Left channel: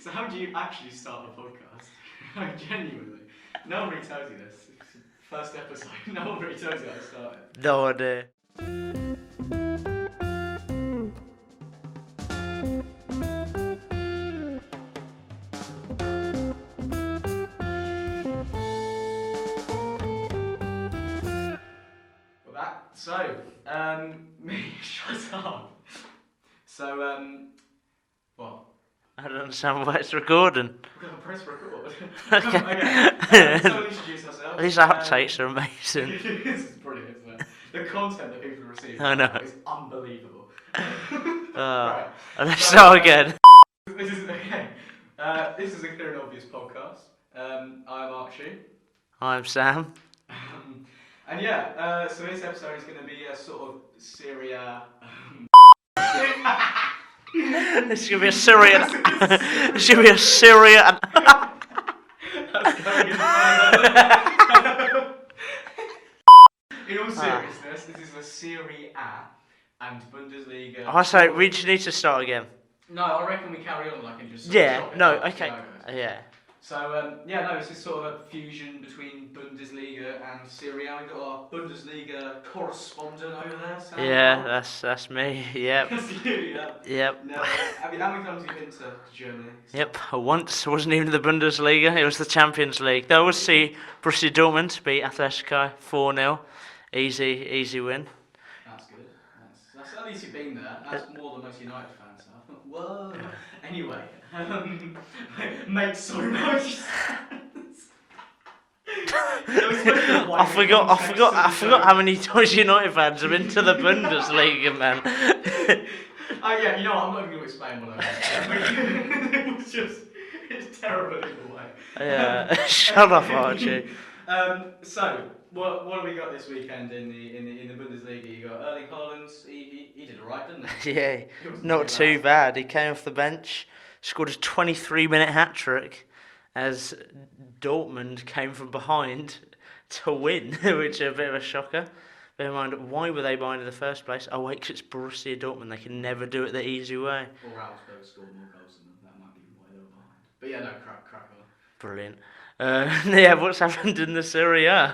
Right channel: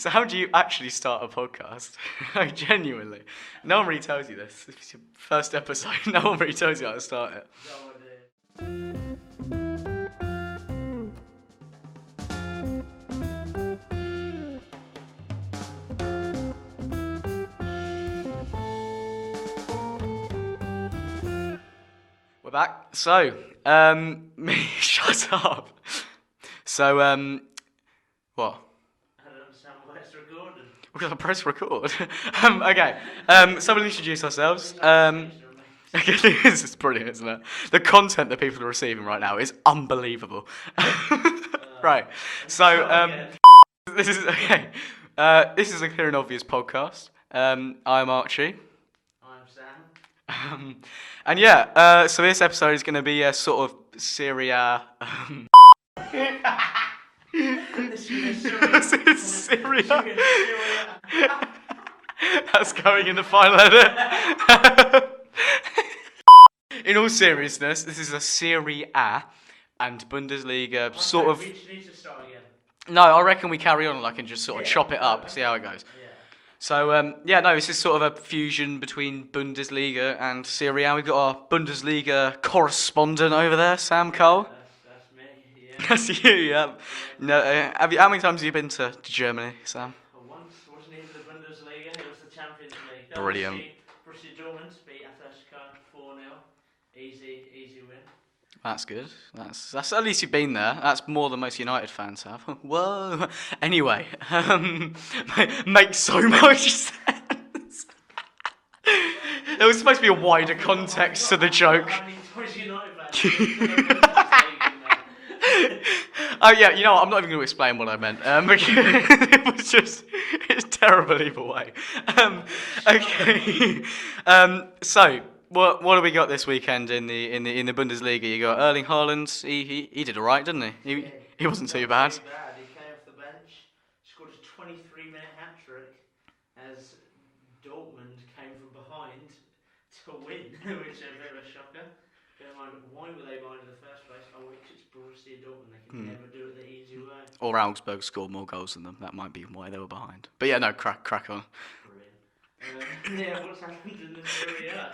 So how do you actually start a podcast? Like, genuinely. No one really tells you this. It's your first episode. No one really tells you how to start it. No idea. We're back. So, shut up. So, what? I don't understand why it's recording. We're going to press record. Okay. So we'll introduce ourselves. These outtakes are amazing. It's brilliant, isn't it? The content that people are receiving right now is unbelievable. Right. Let's start again. This is okay. This is a clear and obvious podcast. I'm Archie. I'm Sam. And yeah, so this episode is going to be a sort of Serie A. This should be a Syria. This should be a Syria. That's going in the final. In all seriousness, this is a Serie A and Bundesliga. I say we just need to start again. No, I reckon we carry on and just sort of chop it up, see how it goes. Yeah. So, this is sort of a fusion between Bundesliga and Serie A. We've got our Bundesliga correspondent over there, Sam Cole. Yeah, that's me, yeah. That's you, yeah. Yep. No, how many times have you been to Germany, Sam? Yep, once. It wasn't even the Bundesliga, it was the Champions League. Though we'll see Borussia Dortmund beat Atletico 4-0. Easy win. That's good. That's at least you've been there. That's more than most United fans have. Whoa. Anyway, makes so much sense. There was supposed to be a wider context to the joke. I forgot how many times United fans have been to the Bundesliga, man. Oh yeah, you know what? I'm not even going to explain what I meant. It's terrible either way. Yeah. Shut up, Archie. So. What have we got this weekend in the Bundesliga? You got Erling Haland. He did alright, didn't he? Yeah, he wasn't not too bad. He came off the bench, scored a 23-minute hat trick, as Dortmund came from behind to win, which is a bit of a shocker. Bear in mind, why were they behind in the first place? Oh wait, 'cause it's Borussia Dortmund. They can never do it the easy way. Or Augsburg scored more goals than them. That might be why they were behind. But yeah, no, crack on. Brilliant. What's happened in the Serie A?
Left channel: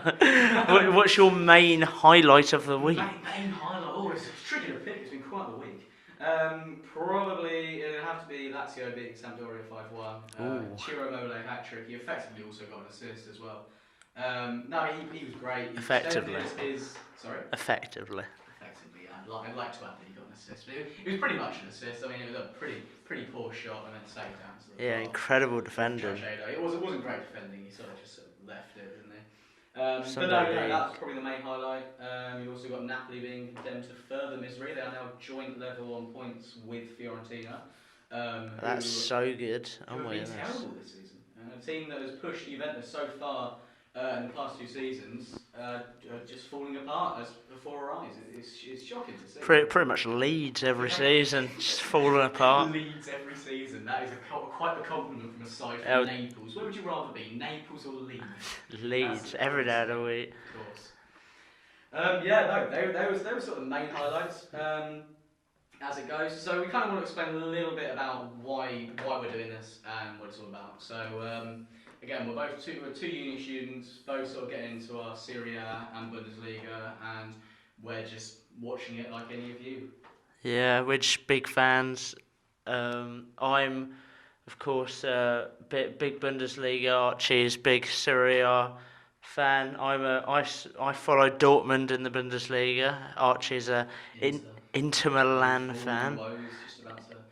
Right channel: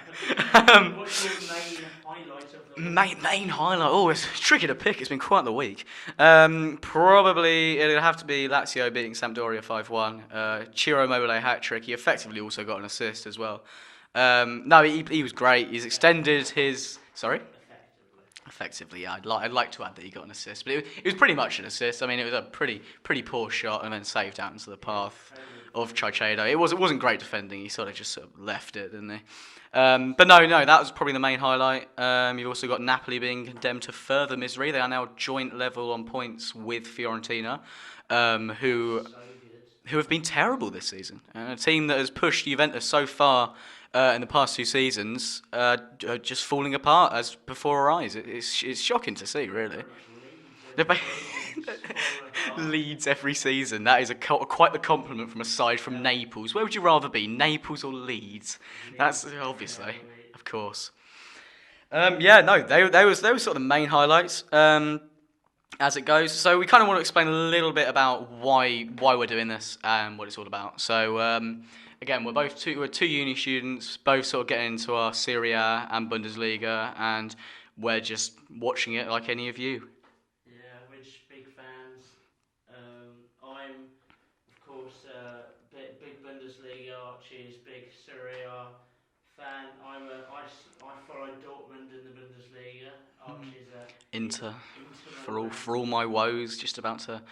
What's your main highlight of the week? Main highlight? Oh, it's tricky to pick. It's been quite the week. Probably it'll have to be Lazio beating Sampdoria 5-1. Ciro Immobile hat-trick. He effectively also got an assist as well. No, he was great. He's extended his... Sorry? Effectively, yeah. I'd like to add that he got an assist, but it was pretty much an assist. I mean, it was a pretty poor shot and then saved out into the path. Incredible defending. Of Chicharito. It wasn't great defending. He sort of left it, didn't he? But no, that was probably the main highlight. You've also got Napoli being condemned to further misery. They are now joint level on points with Fiorentina. That's so good. Who have been terrible this season. A team that has pushed Juventus so far in the past 2 seasons, just falling apart as before our eyes. It's shocking to see. Pretty much Leeds every season, just falling apart. Leeds every season. That is quite the compliment from a side from Naples. Where would you rather be, Naples or Leeds? Leeds every day of the week. Of course. They were sort of the main highlights. As it goes, so we kind of want to explain a little bit about why we're doing this and what it's all about. So. Again, we're two uni students, both sort of getting into our Serie A and Bundesliga, and we're just watching it like any of you. Yeah, we're just big fans. I'm, of course, big Bundesliga. Archie's big Serie A fan. I follow Dortmund in the Bundesliga. Archie's a Inter Milan for all fan. my woes, just about to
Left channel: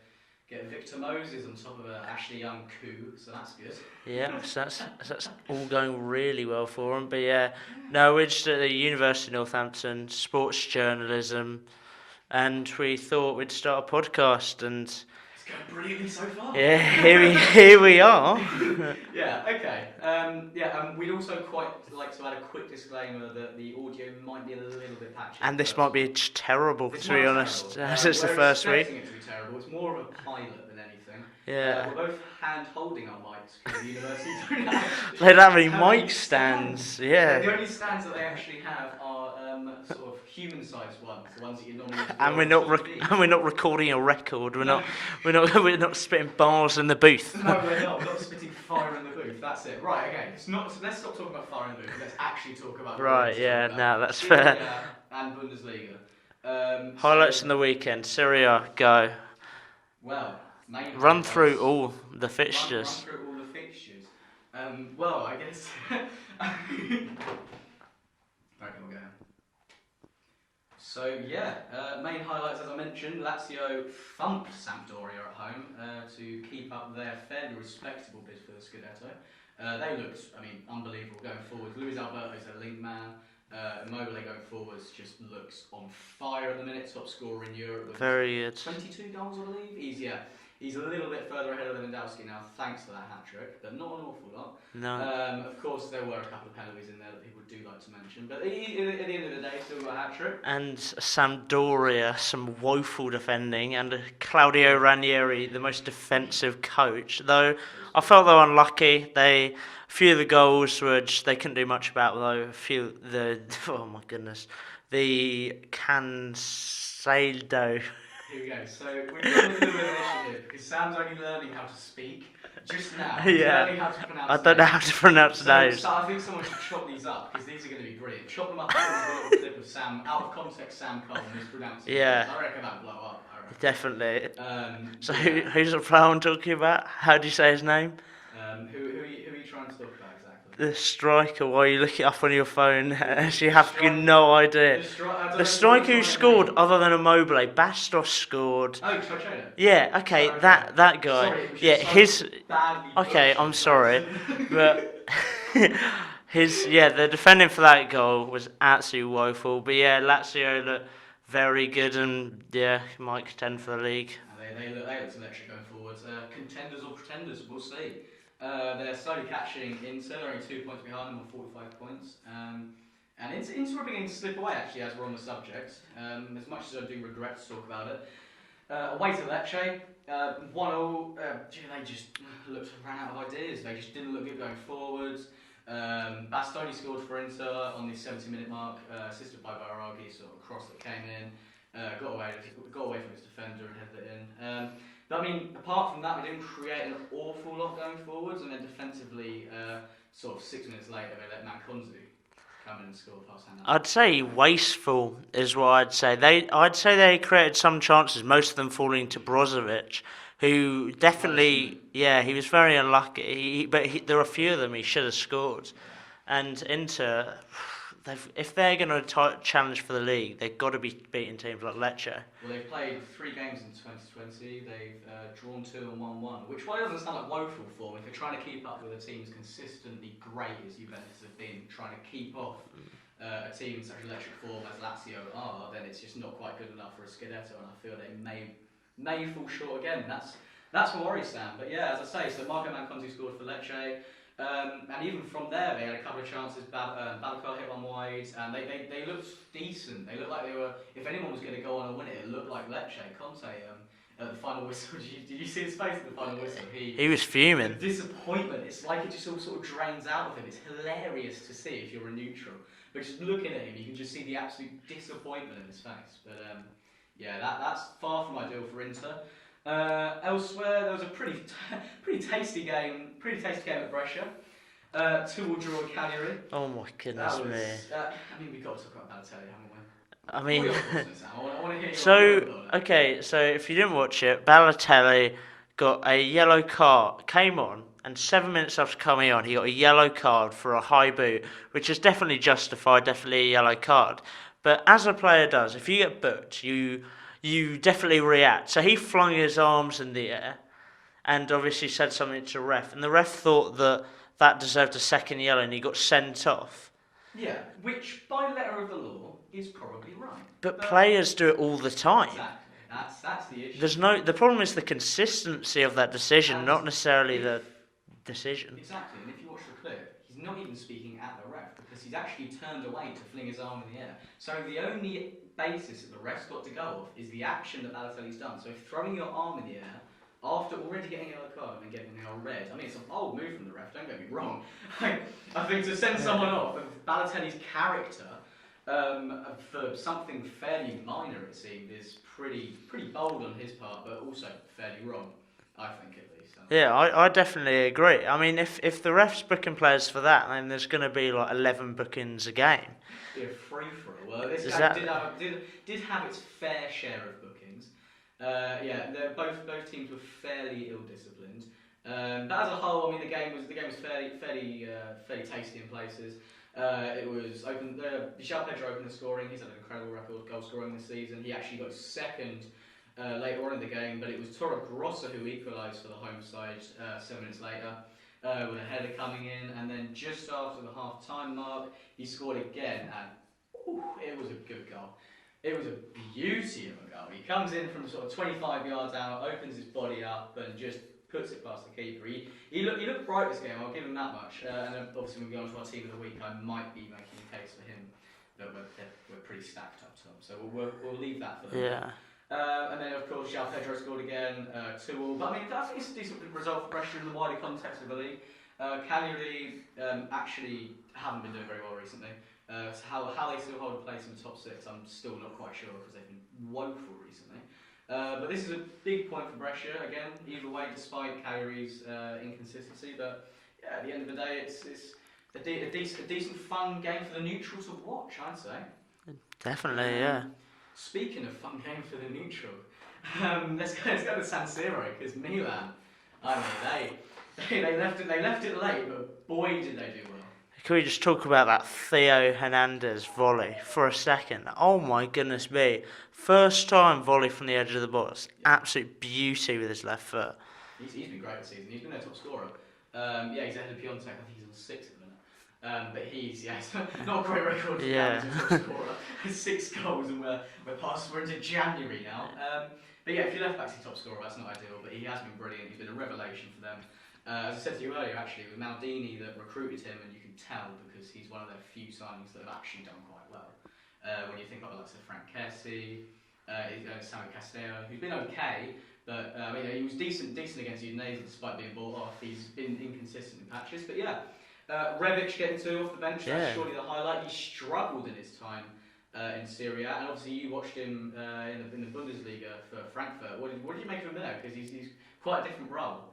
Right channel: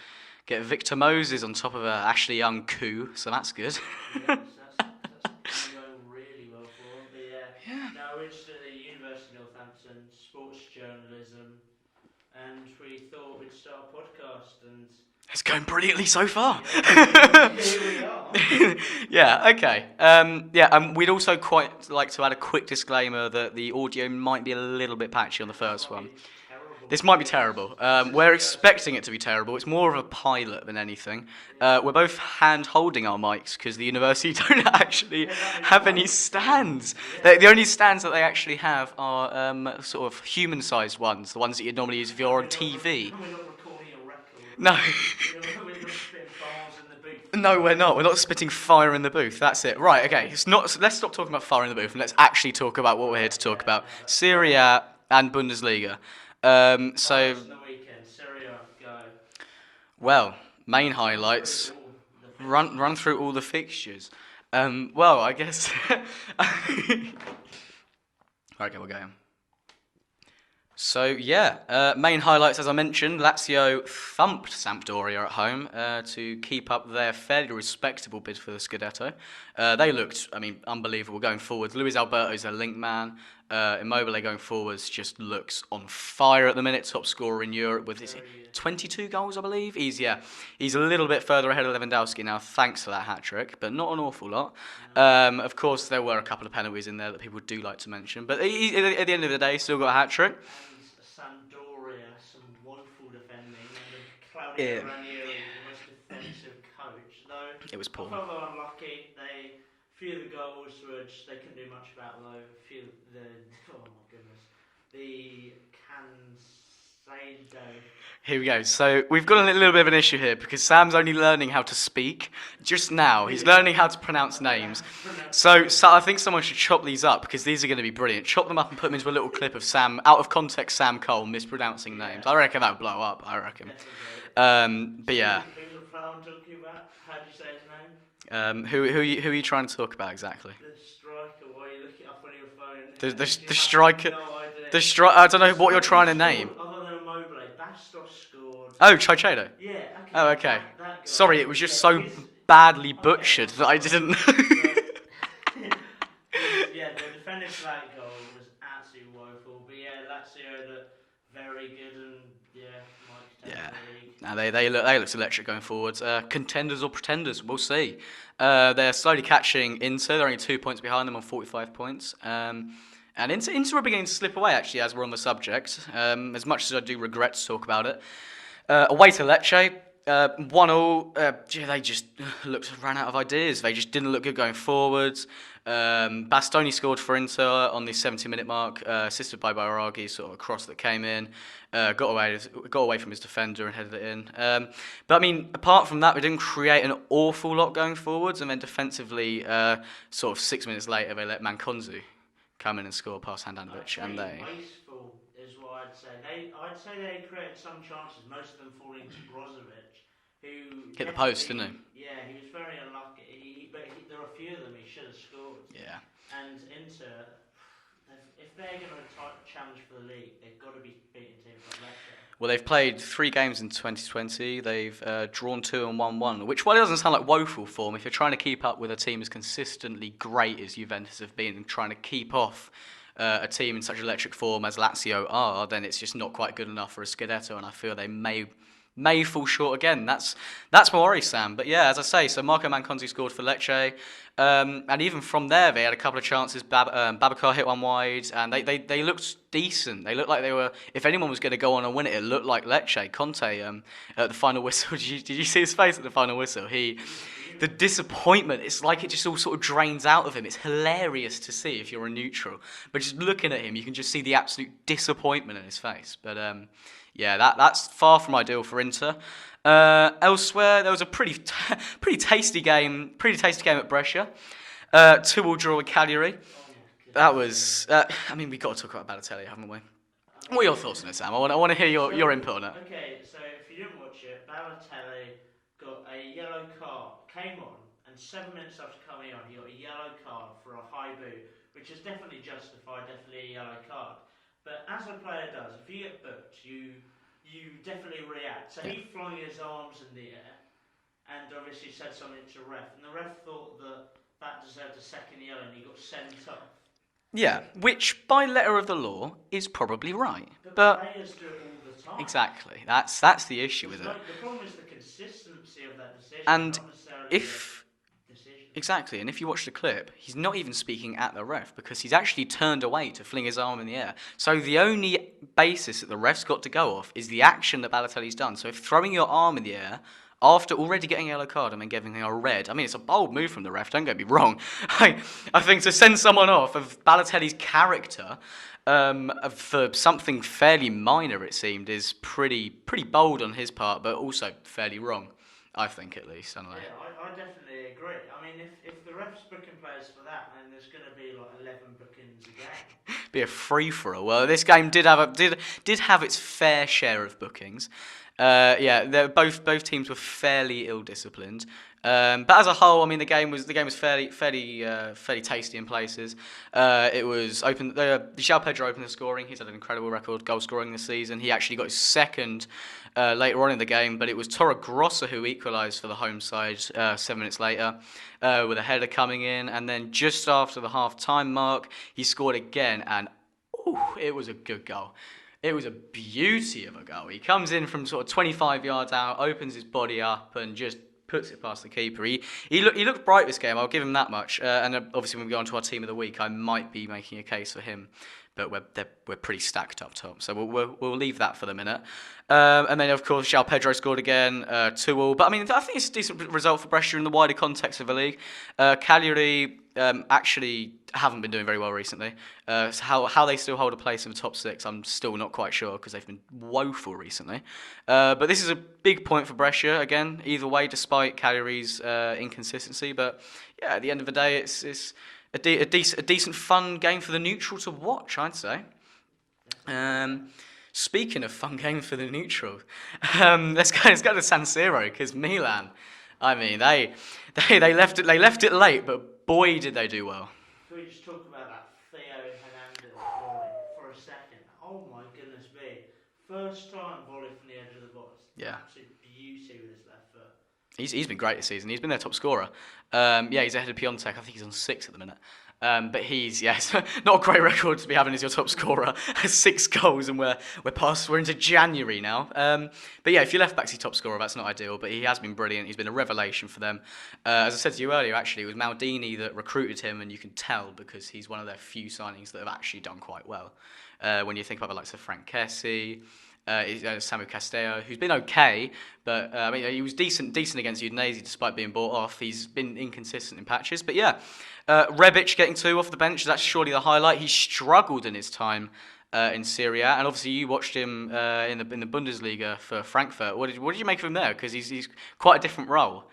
get Victor Moses on top of Ashley Young coup, so that's good. Yeah, so that's all going really well for him. But no, we're just at the University of Northampton, sports journalism, and we thought we'd start a podcast, and it's going brilliantly so far. Yeah, here we are. Yeah, okay. We'd also quite like to add a quick disclaimer that the audio might be a little bit patchy on the first one. And this might be terrible. This might be terrible. We're expecting it to be terrible. It's more of a pilot than anything. Yeah. We're both hand-holding our mics because the university don't actually have any stands. Yeah. The only stands that they actually have are sort of human-sized ones, the ones that you'd normally use if you're on TV. And we're not recording a record. No. we're not spitting bars in the booth. No, we're not. We're not spitting fire in the booth. That's it. Right. Okay. Let's stop talking about fire in the booth and let's actually talk about what we're here to talk about. No, that's Serie fair. A and Bundesliga. Highlights in the weekend. Serie A, go. Well, main Run highlights. through all the fixtures. Run through all the fixtures. Well, I guess. Okay, we're going. So yeah, main highlights as I mentioned. Lazio thumped Sampdoria at home to keep up their fairly respectable bid for the Scudetto. They looked, unbelievable going forwards. Luis Alberto's their link man. Immobile going forwards just looks on fire at the minute. Top scorer in Europe with 22 goals, I believe. He's a little bit further ahead of Lewandowski now, thanks for that hat trick, but not an awful lot. No. Of course, there were a couple of penalties in there that people do like to mention, but at the end of the day, still got a hat trick. And Sampdoria, some woeful defending, and Claudio Ranieri, the most defensive coach. Though I felt they were unlucky. A few of the goals were they couldn't do much about, though. Oh my goodness, the Cancelo. Here we go. So we've got a little bit of an issue here because Sam's only learning how to speak just now. He's learning how to pronounce names. I don't know how to pronounce names. So I think someone should chop these up because these are going to be brilliant. Chop them up and put them into a little clip of Sam, out of context, Sam Cole mispronouncing names. I reckon that'll blow up. I reckon. Definitely. So who's the player I'm talking about? How do you say his name? Who are you trying to talk about exactly? The striker. While you look it up on your phone, you have striker, no idea. I don't know what you're trying to name. Other than Immobile, Bastos scored. Oh, Chicharito. Yeah. Okay. Oh, okay. That guy. Sorry, it was just badly butchered. Okay, I'm sorry. I didn't. But the defending for that goal was absolutely woeful. But yeah, Lazio looked very good and might contend for the league. No, they look electric going forwards. Contenders or pretenders, we'll see. They're slowly catching Inter. They're only 2 points behind them on 45 points. And Inter are beginning to slip away, actually, as we're on the subject. As much as I do regret to talk about it. Away to Lecce, 1-1. They just ran out of ideas. They just didn't look good going forwards. Bastoni scored for Inter on the 70-minute mark, assisted by Bairagi, sort of a cross that came in. Got away from his defender and headed it in. But apart from that, we didn't create an awful lot going forwards, and then defensively, sort of 6 minutes later, they let Mankonzu come in and score past hand. I'd say wasteful is what I'd say. I'd say they created some chances, most of them falling to Brozovic, who definitely, he was very unlucky. But there were a few of them he should have scored. Yeah. And Inter, if they're going to challenge for the league, they've got to be beating teams like Lecce. Well, they've played 3 games in 2020. They've drawn 2 and won 1, which, while it doesn't sound like woeful form, if you're trying to keep up with a team as consistently great as Juventus have been, trying to keep off a team in such electric form as Lazio are, then it's just not quite good enough for a Scudetto, and I feel they may fall short again. That's my worry, Sam. But yeah, as I say, so Marco Manconzi scored for Lecce. And even from there, they had a couple of chances. Babacar hit one wide, and they looked decent. They looked like they were. If anyone was going to go on and win it, it looked like Lecce. Conte at the final whistle. Did you see his face at the final whistle? He was fuming. The disappointment. It's like it just all sort of drains out of him. It's hilarious to see if you're a neutral, but just looking at him, you can just see the absolute disappointment in his face. But that's far from ideal for Inter. Elsewhere, there was a pretty tasty game at Brescia. 2-2 draw with Cagliari. Oh my goodness. That was. We've got to talk about Balotelli, haven't we? What are your thoughts on it, Sam? I want to hear your input on it. Okay, so if you didn't watch it, Balotelli got a yellow card, came on, and 7 minutes after coming on, he got a yellow card for a high boot, which is definitely justified, definitely a yellow card. But as a player does, if you get booked, you definitely react. So he flung his arms in the air and obviously said something to the ref. And the ref thought that deserved a second yellow and he got sent off. Yeah, which by letter of the law is probably right. But players do it all the time. Exactly. That's the issue. The problem is the consistency of that decision, and not necessarily the decision. Exactly, and if you watch the clip, he's not even speaking at the ref because he's actually turned away to fling his arm in the air. So the only basis that the ref's got to go off is the action that Balotelli's done. So if throwing your arm in the air after already getting a yellow card and then giving a red, it's a bold move from the ref, don't get me wrong. I think to send someone off of Balotelli's character, for something fairly minor, it seemed, is pretty bold on his part, but also fairly wrong. I think, at least. I don't know. Yeah, I definitely agree. I mean, if the ref's booking players for that, then there's going to be like 11 bookings a game. Be a free for all. Well, this game Exactly. did have its fair share of bookings. Yeah, both teams were fairly ill disciplined. But as a whole, I mean, the game was fairly tasty in places. It was open. João Pedro opened the scoring. He's had an incredible record goal scoring this season. He actually got his second later on in the game, but it was Torregrossa who equalised for the home side 7 minutes later. With a header coming in, and then just after the half-time mark, he scored again, and it was a good goal. It was a beauty of a goal. He comes in from sort of 25 yards out, opens his body up, and just puts it past the keeper. He looked bright this game. I'll give him that much. And obviously, when we go on to our team of the week, I might be making a case for him, but we're pretty stacked up top, so we'll leave that for the minute. And then, of course, João Pedro scored again, 2-2. But, I mean, I think it's a decent result for Brescia in the wider context of the league. Cagliari actually haven't been doing very well recently. So how they still hold a place in the top 6, I'm still not quite sure, because they've been woeful recently. But this is a big point for Brescia, again, either way, despite Cagliari's inconsistency. But, yeah, at the end of the day, it's a decent, fun game for the neutral to watch, I'd say. Definitely, yeah. Speaking of fun games for the neutral, let's go to San Siro, because Milan, I mean, they left it late, but boy did they do well. Can we just talk about that Theo Hernandez volley for a second? Oh my goodness me. First time volley from the edge of the box. Yeah. Absolute beauty with his left foot. He's been great this season. He's been their top scorer. He's ahead of Piontek. I think he's on 6 at the minute. But he's not a great record to be having as your top scorer. 6 goals, and we're into January now. But yeah, if your left back's your top scorer, that's not ideal. But he has been brilliant. He's been a revelation for them. As I said to you earlier, actually, it was Maldini that recruited him, and you can tell because he's one of their few signings that have actually done quite well. When you think about the likes of Frank Kessie, Samu Castello, who's been okay, but I mean, he was decent against Udinese despite being bought off. He's been inconsistent in patches, but yeah. Rebic getting 2 off the bench, that's surely the highlight. He struggled in his time in Serie A, and obviously you watched him in the Bundesliga for Frankfurt. What did you make of him there? Because he's quite a different role.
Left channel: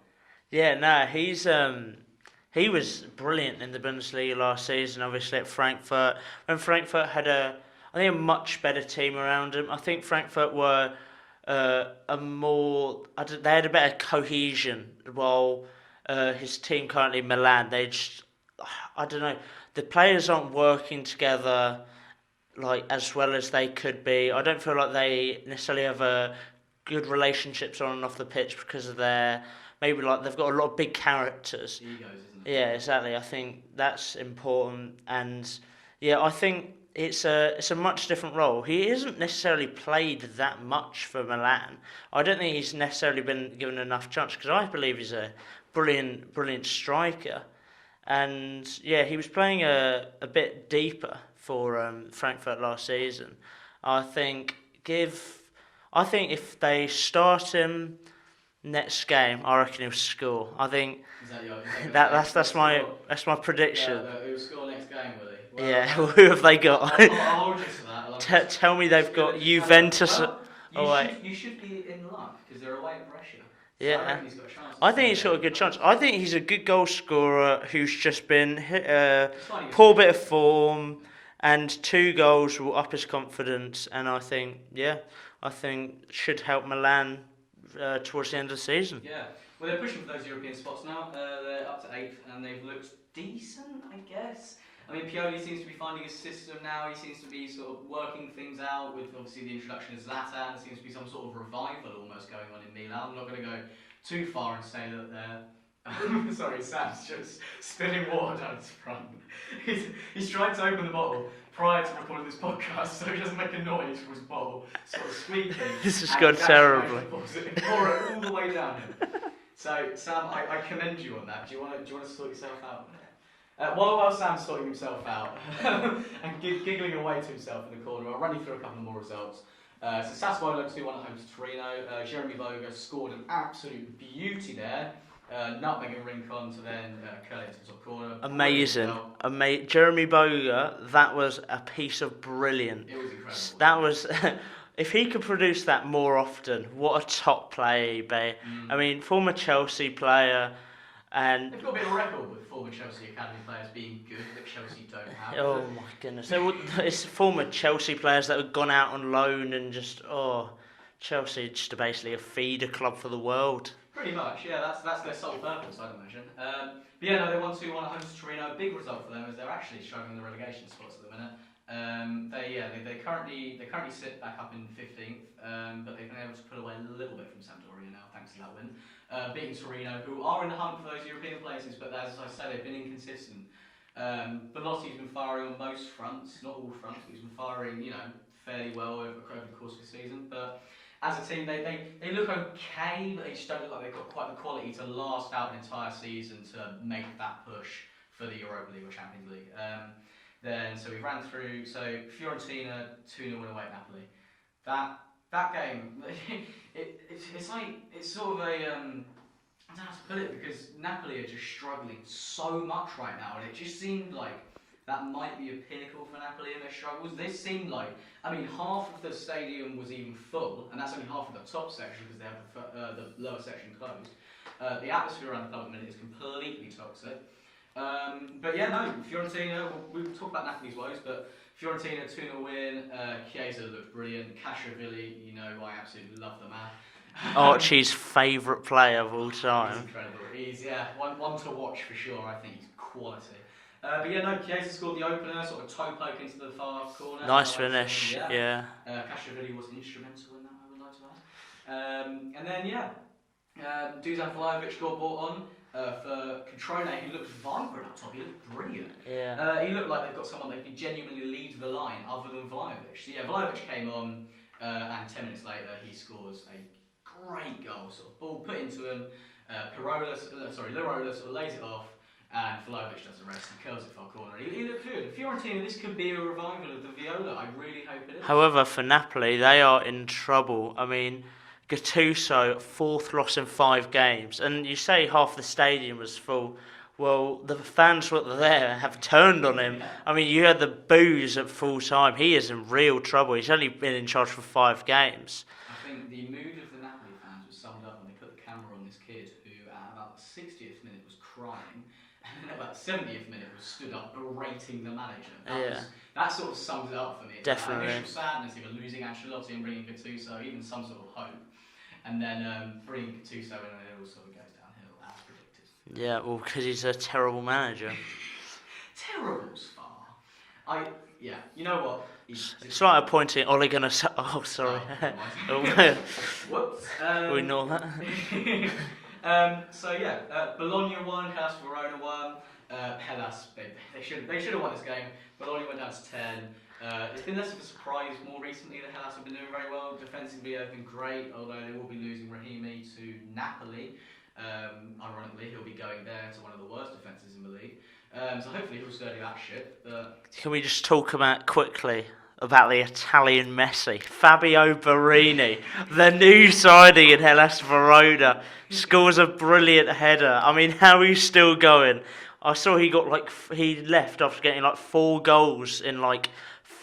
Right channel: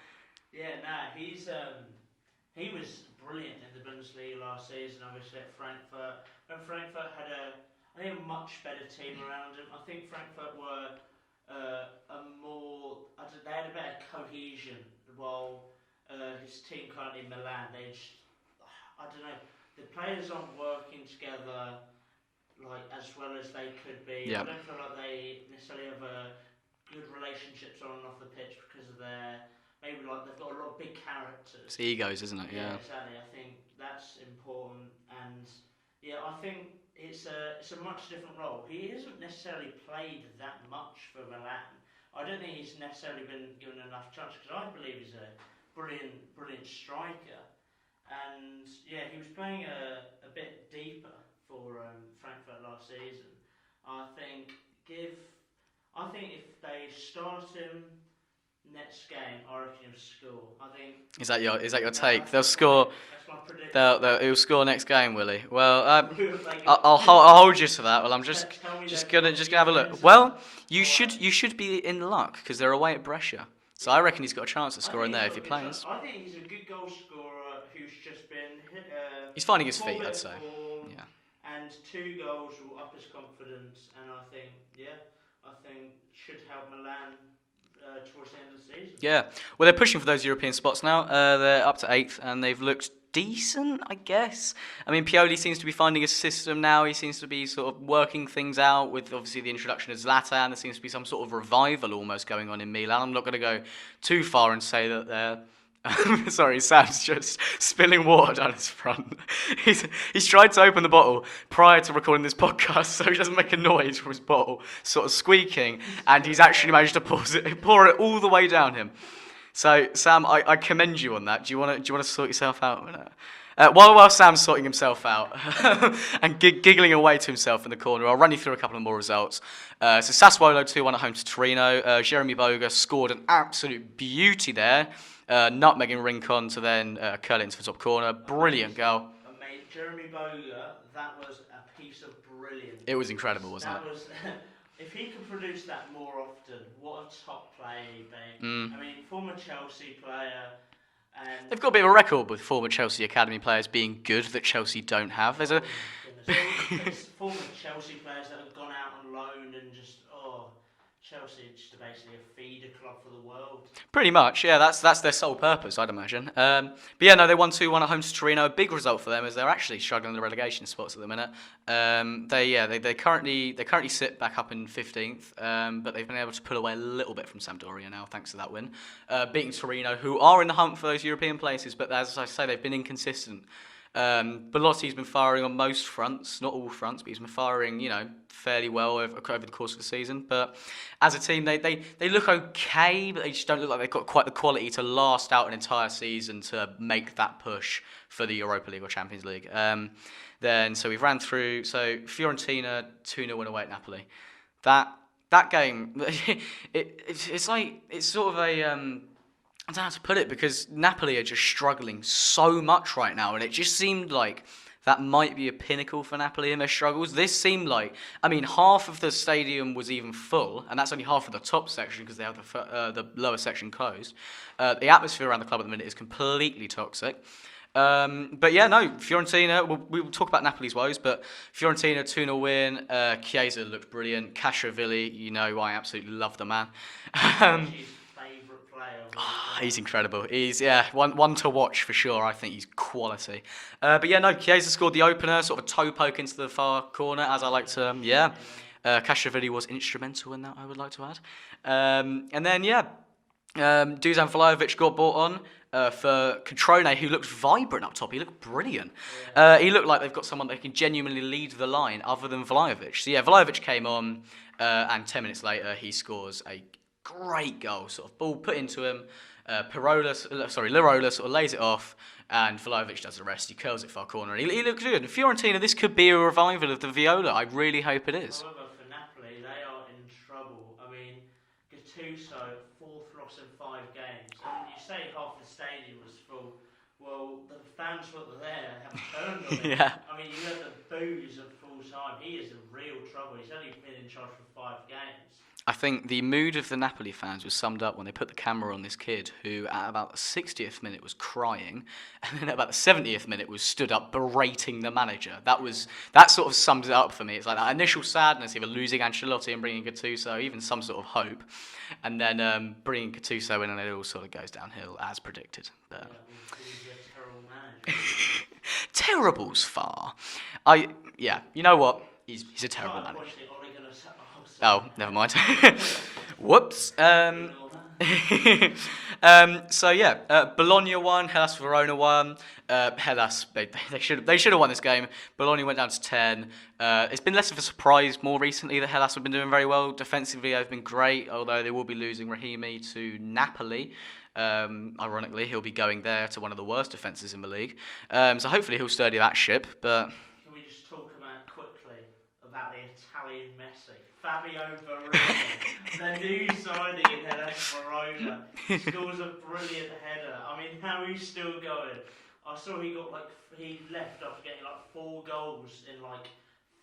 Yeah, no, he was brilliant in the Bundesliga last season, obviously at Frankfurt. When Frankfurt had a much better team around him. I think Frankfurt were they had a better cohesion, while his team currently Milan, I don't know, the players aren't working together like as well as they could be. Yeah. I don't feel like they necessarily have a good relationships on and off the pitch because of maybe like they've got a lot of big characters. Egos, isn't it? Yeah, exactly. I think that's important, and yeah, I think it's a much different role. He hasn't necessarily played that much for Milan. I don't think he's necessarily been given enough chance, because I believe he's a brilliant striker. And yeah, he was playing a bit deeper for Frankfurt last season. I think if they start him next game, I reckon he'll score. I think is that your take? That's my prediction. He'll score next game, will he? Well, yeah. Who have they got? I'll hold you to that. Well, tell me they've got Juventus. Well, you should be in luck because they're away at Brescia. So yeah. I reckon he's got a chance to score. I think he's got a good chance. I think he's a good goal scorer who's just been he's finding his poor bit of form, and 2 goals will up his confidence. And I think should help Milan towards the end of the season. Yeah, well, they're pushing for those European spots now. They're up to 8th, and they've looked decent, I guess. I mean, Pioli seems to be finding a system now. He seems to be sort of working things out with, obviously, the introduction of Zlatan. There seems to be some sort of revival almost going on in Milan. I'm not going to go too far and say that they're... Sorry, Sam's just spilling water down his front. He's tried to open the bottle prior to recording this podcast, so he doesn't make a noise from his bottle, sort of squeaking, and he's actually managed to pour it all the way down him. So, Sam, I commend you on that. Do you want to sort yourself out a minute? While Sam's sorting himself out and giggling away to himself in the corner, I'll run you through a couple of more results. So Sassuolo 2-1 at home to Torino. Jeremy Boga scored an absolute beauty there. nutmegging Rincon to then curl it into the top corner. Brilliant goal. Jeremy Boga, that was a piece of brilliance. It was incredible, wasn't that it? was, if he could produce that more often, what a top player he'd be. I mean, former Chelsea player, and they've got a bit of a record with former Chelsea academy players being good that Chelsea don't have. my goodness, it's former Chelsea players that have gone out on loan and just Chelsea just basically a feeder club for the world. Pretty much, yeah. That's their sole purpose, I'd imagine. But yeah, no, they won 2-1 at home to Torino. A big result for them as they're actually struggling in the relegation spots at the minute. They currently sit back up in 15th, but they've been able to pull away a little bit from Sampdoria now thanks to that win, beating Torino, who are in the hunt for those European places. But as I say, they've been inconsistent. Belotti's been firing on most fronts, not all fronts, but he's been firing, fairly well over the course of the season. But as a team, they look okay, but they just don't look like they've got quite the quality to last out an entire season to make that push for the Europa League or Champions League. So we've ran through. So Fiorentina 2-0 win away at Napoli. That game, it's sort of a I don't know how to put it, because Napoli are just struggling so much right now, and it just seemed like that might be a pinnacle for Napoli in their struggles. This seemed like, half of the stadium was even full, and that's only half of the top section because they have the lower section closed. The atmosphere around the club at the minute is completely toxic. But yeah, no, Fiorentina, we'll talk about Napoli's woes, but Fiorentina 2-0 win, Chiesa looked brilliant, Castrovilli, I absolutely love the man. Archie's favourite player of all time. He's incredible. He's one to watch for sure. I think he's quality. But yeah, no, Chiesa scored the opener, sort of toe poke into the far corner, nice as I like finish. to. Yeah. Castrovilli was instrumental in that, I would like to add. And then Dusan Vlahovic got brought on for Controne, who looked vibrant up top. He looked brilliant. Yeah. He looked like they've got someone that can genuinely lead the line other than Vlahovic. So yeah, Vlahovic came on, and 10 minutes later he scores a great goal, sort of ball put into him. Lirola sort of lays it off, and Vlahovic does the rest. He curls it far corner. He looks good. Fiorentina, this could be a revival of the Viola. I really hope it is. However, for Napoli, they are in trouble. Gattuso, 4th loss in 5 games, and you say half the stadium was full. Well, the fans that were there have turned on him. Yeah. You had the boos at full time. He is in real trouble. He's only been in charge for 5 games. I think the mood of the Napoli fans was summed up when they put the camera on this kid who at about the 60th minute was crying, and then at about the 70th minute was stood up berating the manager. That sort of sums it up for me. It's like that initial sadness of losing Ancelotti and bringing Gattuso, even some sort of hope, and then bringing Gattuso in, and it all sort of goes downhill as predicted. Yeah, well, because he's a terrible manager. Terrible's far. You know what? He's a it's like appointing Ole Gunnar. Oh, sorry. Oh, never mind. Whoops. We ignore that. Bologna won. Hellas Verona won. Hellas, they should have won this game. Bologna went down to 10. It's been less of a surprise more recently that Hellas have been doing very well. Defensively, they've been great, although they will be losing Rahimi to Napoli. Ironically, he'll be going there to one of the worst defences in the league. So hopefully he'll sturdy that ship. But can we just talk quickly about the Italian Messi, Fabio Borini, the new signing in Hellas Verona, scores a brilliant header. How he's still going? I saw he left after getting 4 goals in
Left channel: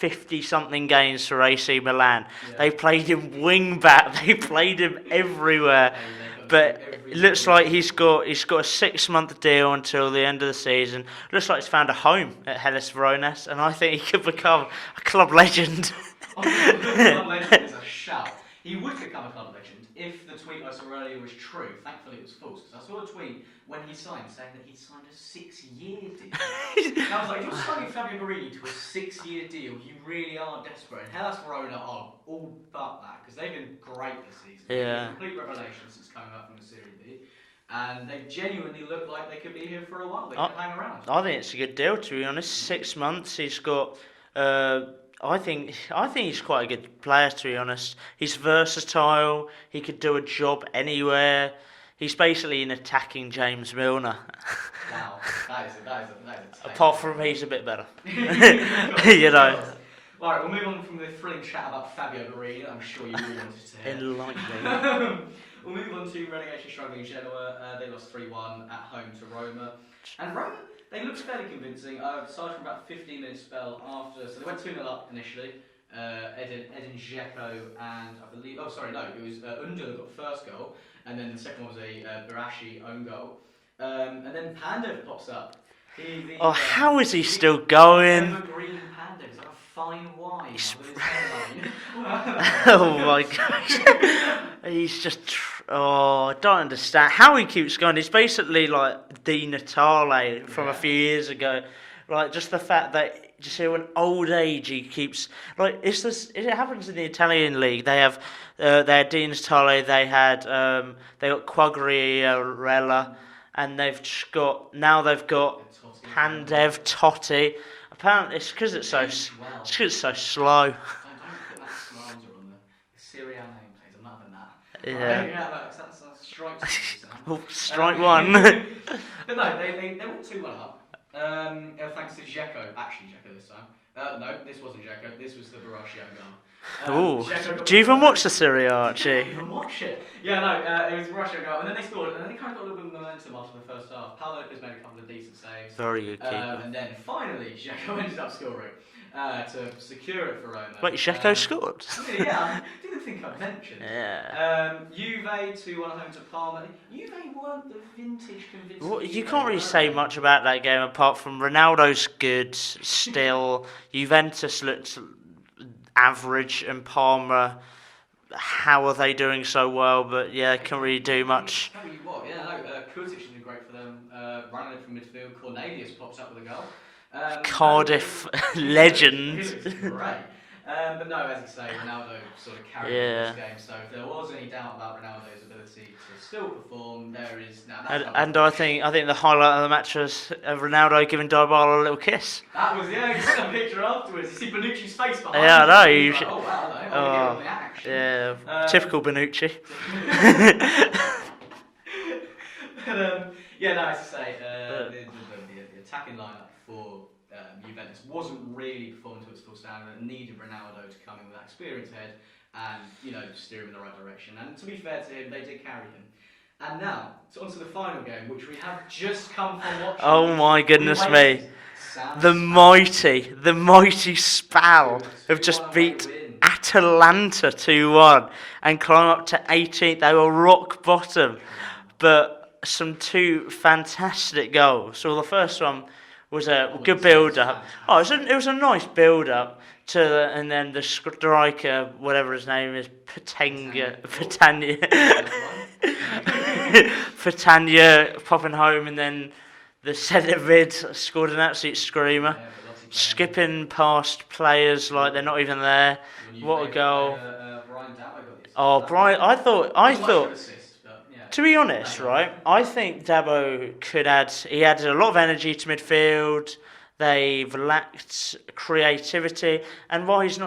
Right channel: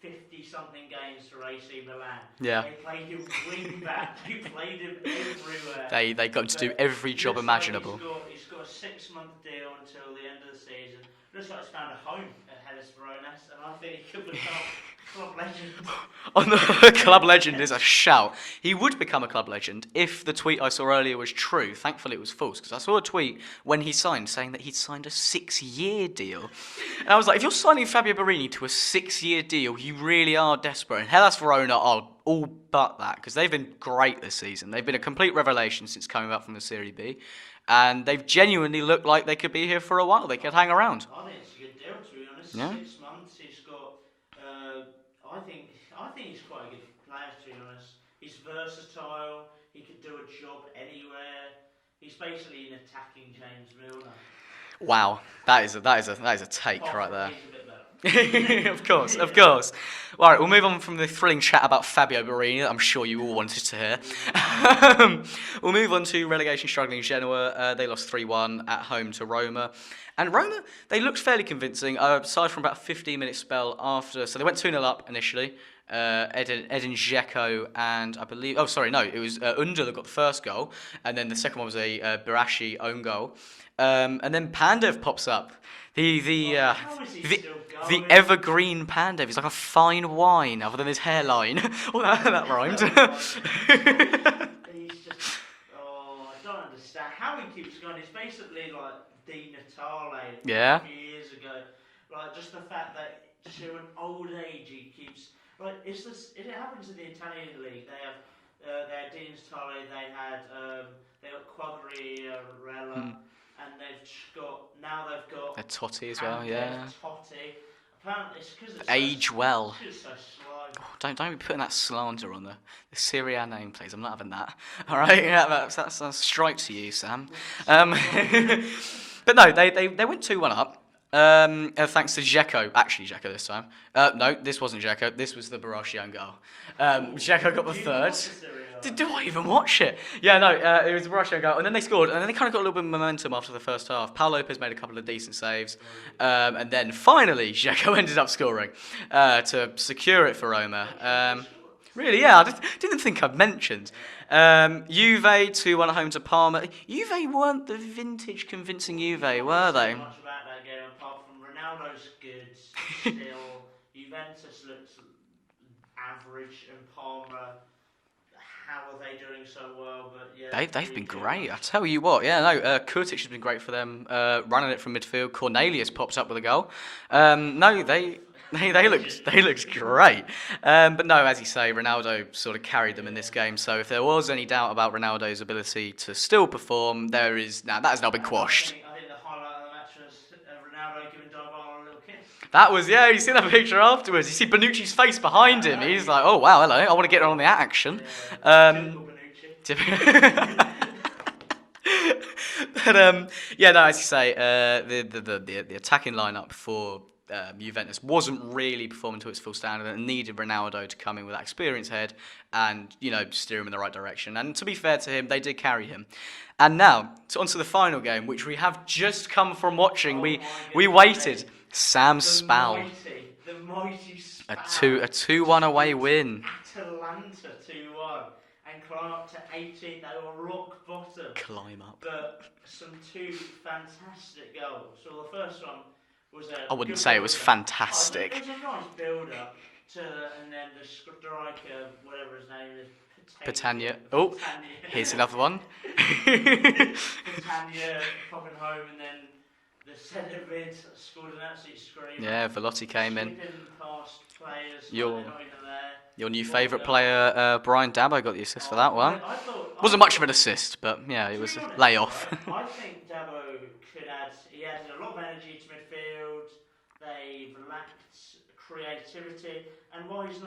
50-something games for AC Milan. Yeah. They played him wing back. They played him everywhere. They got to do every job looks like he's imaginable. got a 6-month deal until the end of the season. Looks like he's found a home at Hellas Verona, and I think he could become a club legend. Club legend is a shout. He would become a club legend if the tweet I saw earlier was true. Thankfully it was false, because I saw a tweet when he signed saying that he'd signed a 6-year deal. And I was like, if you're signing Fabio Borini to a 6-year deal, you really are desperate. And Hellas Verona are all but that, because they've been great this season. They've been a complete revelation since coming back from the Serie B. And they've genuinely looked like they could be here for a while. They could hang around. I think it's a good deal, to be honest. Yeah. 6 months. He's got... I think he's quite a good player, to be honest. He's versatile. He could do a job anywhere. He's basically an attacking James Milner. Wow, that is a take. Apart right from there. he's a bit better. Of course, You of know. course. All right, we'll move on from the thrilling chat about Fabio Borini that I'm sure you all wanted to hear. We'll move on to relegation struggling Genoa. They lost 3-1 at home to Roma. And Roma, they looked fairly convincing, aside from about a 15-minute spell after. So they went 2-0 up initially. Edin Dzeko and I believe... Oh, sorry, no. It was Under that got the first goal. And then the second one was a Barashi own goal. And then Pandev pops up. How is he still going? The evergreen Pandev. He's like a fine wine other than his hairline. Oh my gosh. He's just... Oh, I don't understand how he keeps going. It's basically like Di Natale from a few years ago. Like, just the fact that... Just here, in old age, he keeps... Like, it happens in the Italian league. They have... they had Di Natale, they got Quagliarella... And they've got Totti as Pandev, well, yeah. Totti. Apparently, it's because it's so well. It's 'cause it's so slow. Don't be putting that slander on the Serie A name, please. I'm not having that. Yeah. All right, yeah, that's a strike to you, Sam. Strike one. But no, they went 2-1 up. Thanks to Dzeko. Actually, Dzeko this time. No, this wasn't Dzeko. This was the Barashi own goal. Dzeko got Do you even first. watch the Serie A? Did you even watch it? Yeah, no, it was a Russian goal, and then they scored, and then they kind of got a little bit of momentum after the first half. Paul Lopez made a couple of decent saves. Very good. And then finally, Dzeko ended up scoring to secure it for Roma. Wait, Dzeko scored? Really, yeah, I didn't think I'd mentioned. Yeah. Juve 2-1 home to Parma. Juve weren't the vintage convincing Juve, you can't really were say they? much about that game apart from Ronaldo's good still. Juventus looked average, and Parma, how are they doing so well? But yeah, They've can't really been do great, much. I'll tell you what, yeah, no, Kurtic has been great for them, running it from midfield. Cornelius pops up with a goal. Cardiff legend. They looked great. But no, as you say, Ronaldo sort of carried them in this game. So if there was any doubt about Ronaldo's ability to still perform, that has now been quashed. I think the highlight of the match was Ronaldo giving Dybala a little kiss. That was, yeah, you see that picture afterwards. You see Bonucci's face behind him. He's like, oh wow, hello, I want to get on the action. Yeah, typical Bonucci. But yeah, no, as you say, the attacking lineup for Juventus wasn't really performing to its full standard, and needed Ronaldo to come in with that experience head and steer him in the right direction. And to be fair to him, they did carry him. And now, onto the final game, which we have just come from watching. Oh my goodness we waited. me. Sam the mighty Spal. A 2-1 away win. Atalanta 2-1 and climb up to 18th. They were rock bottom. But some two fantastic goals. So the first one was a good build-up. Fantastic. It was a nice build-up and then the striker, whatever his name is, Patania. Here's the other one. Patania popping home, and then the centre mid scored an absolute screamer. Yeah, Velotti came Skipping past players like they're not even there. Your new favourite player, Brian Dabo, got the assist for that Brian, one. I thought wasn't much of an assist, but yeah. To be honest, layoff. right, I think Dabo could add. He added a lot of energy to midfield. They've lacked creativity, and while he's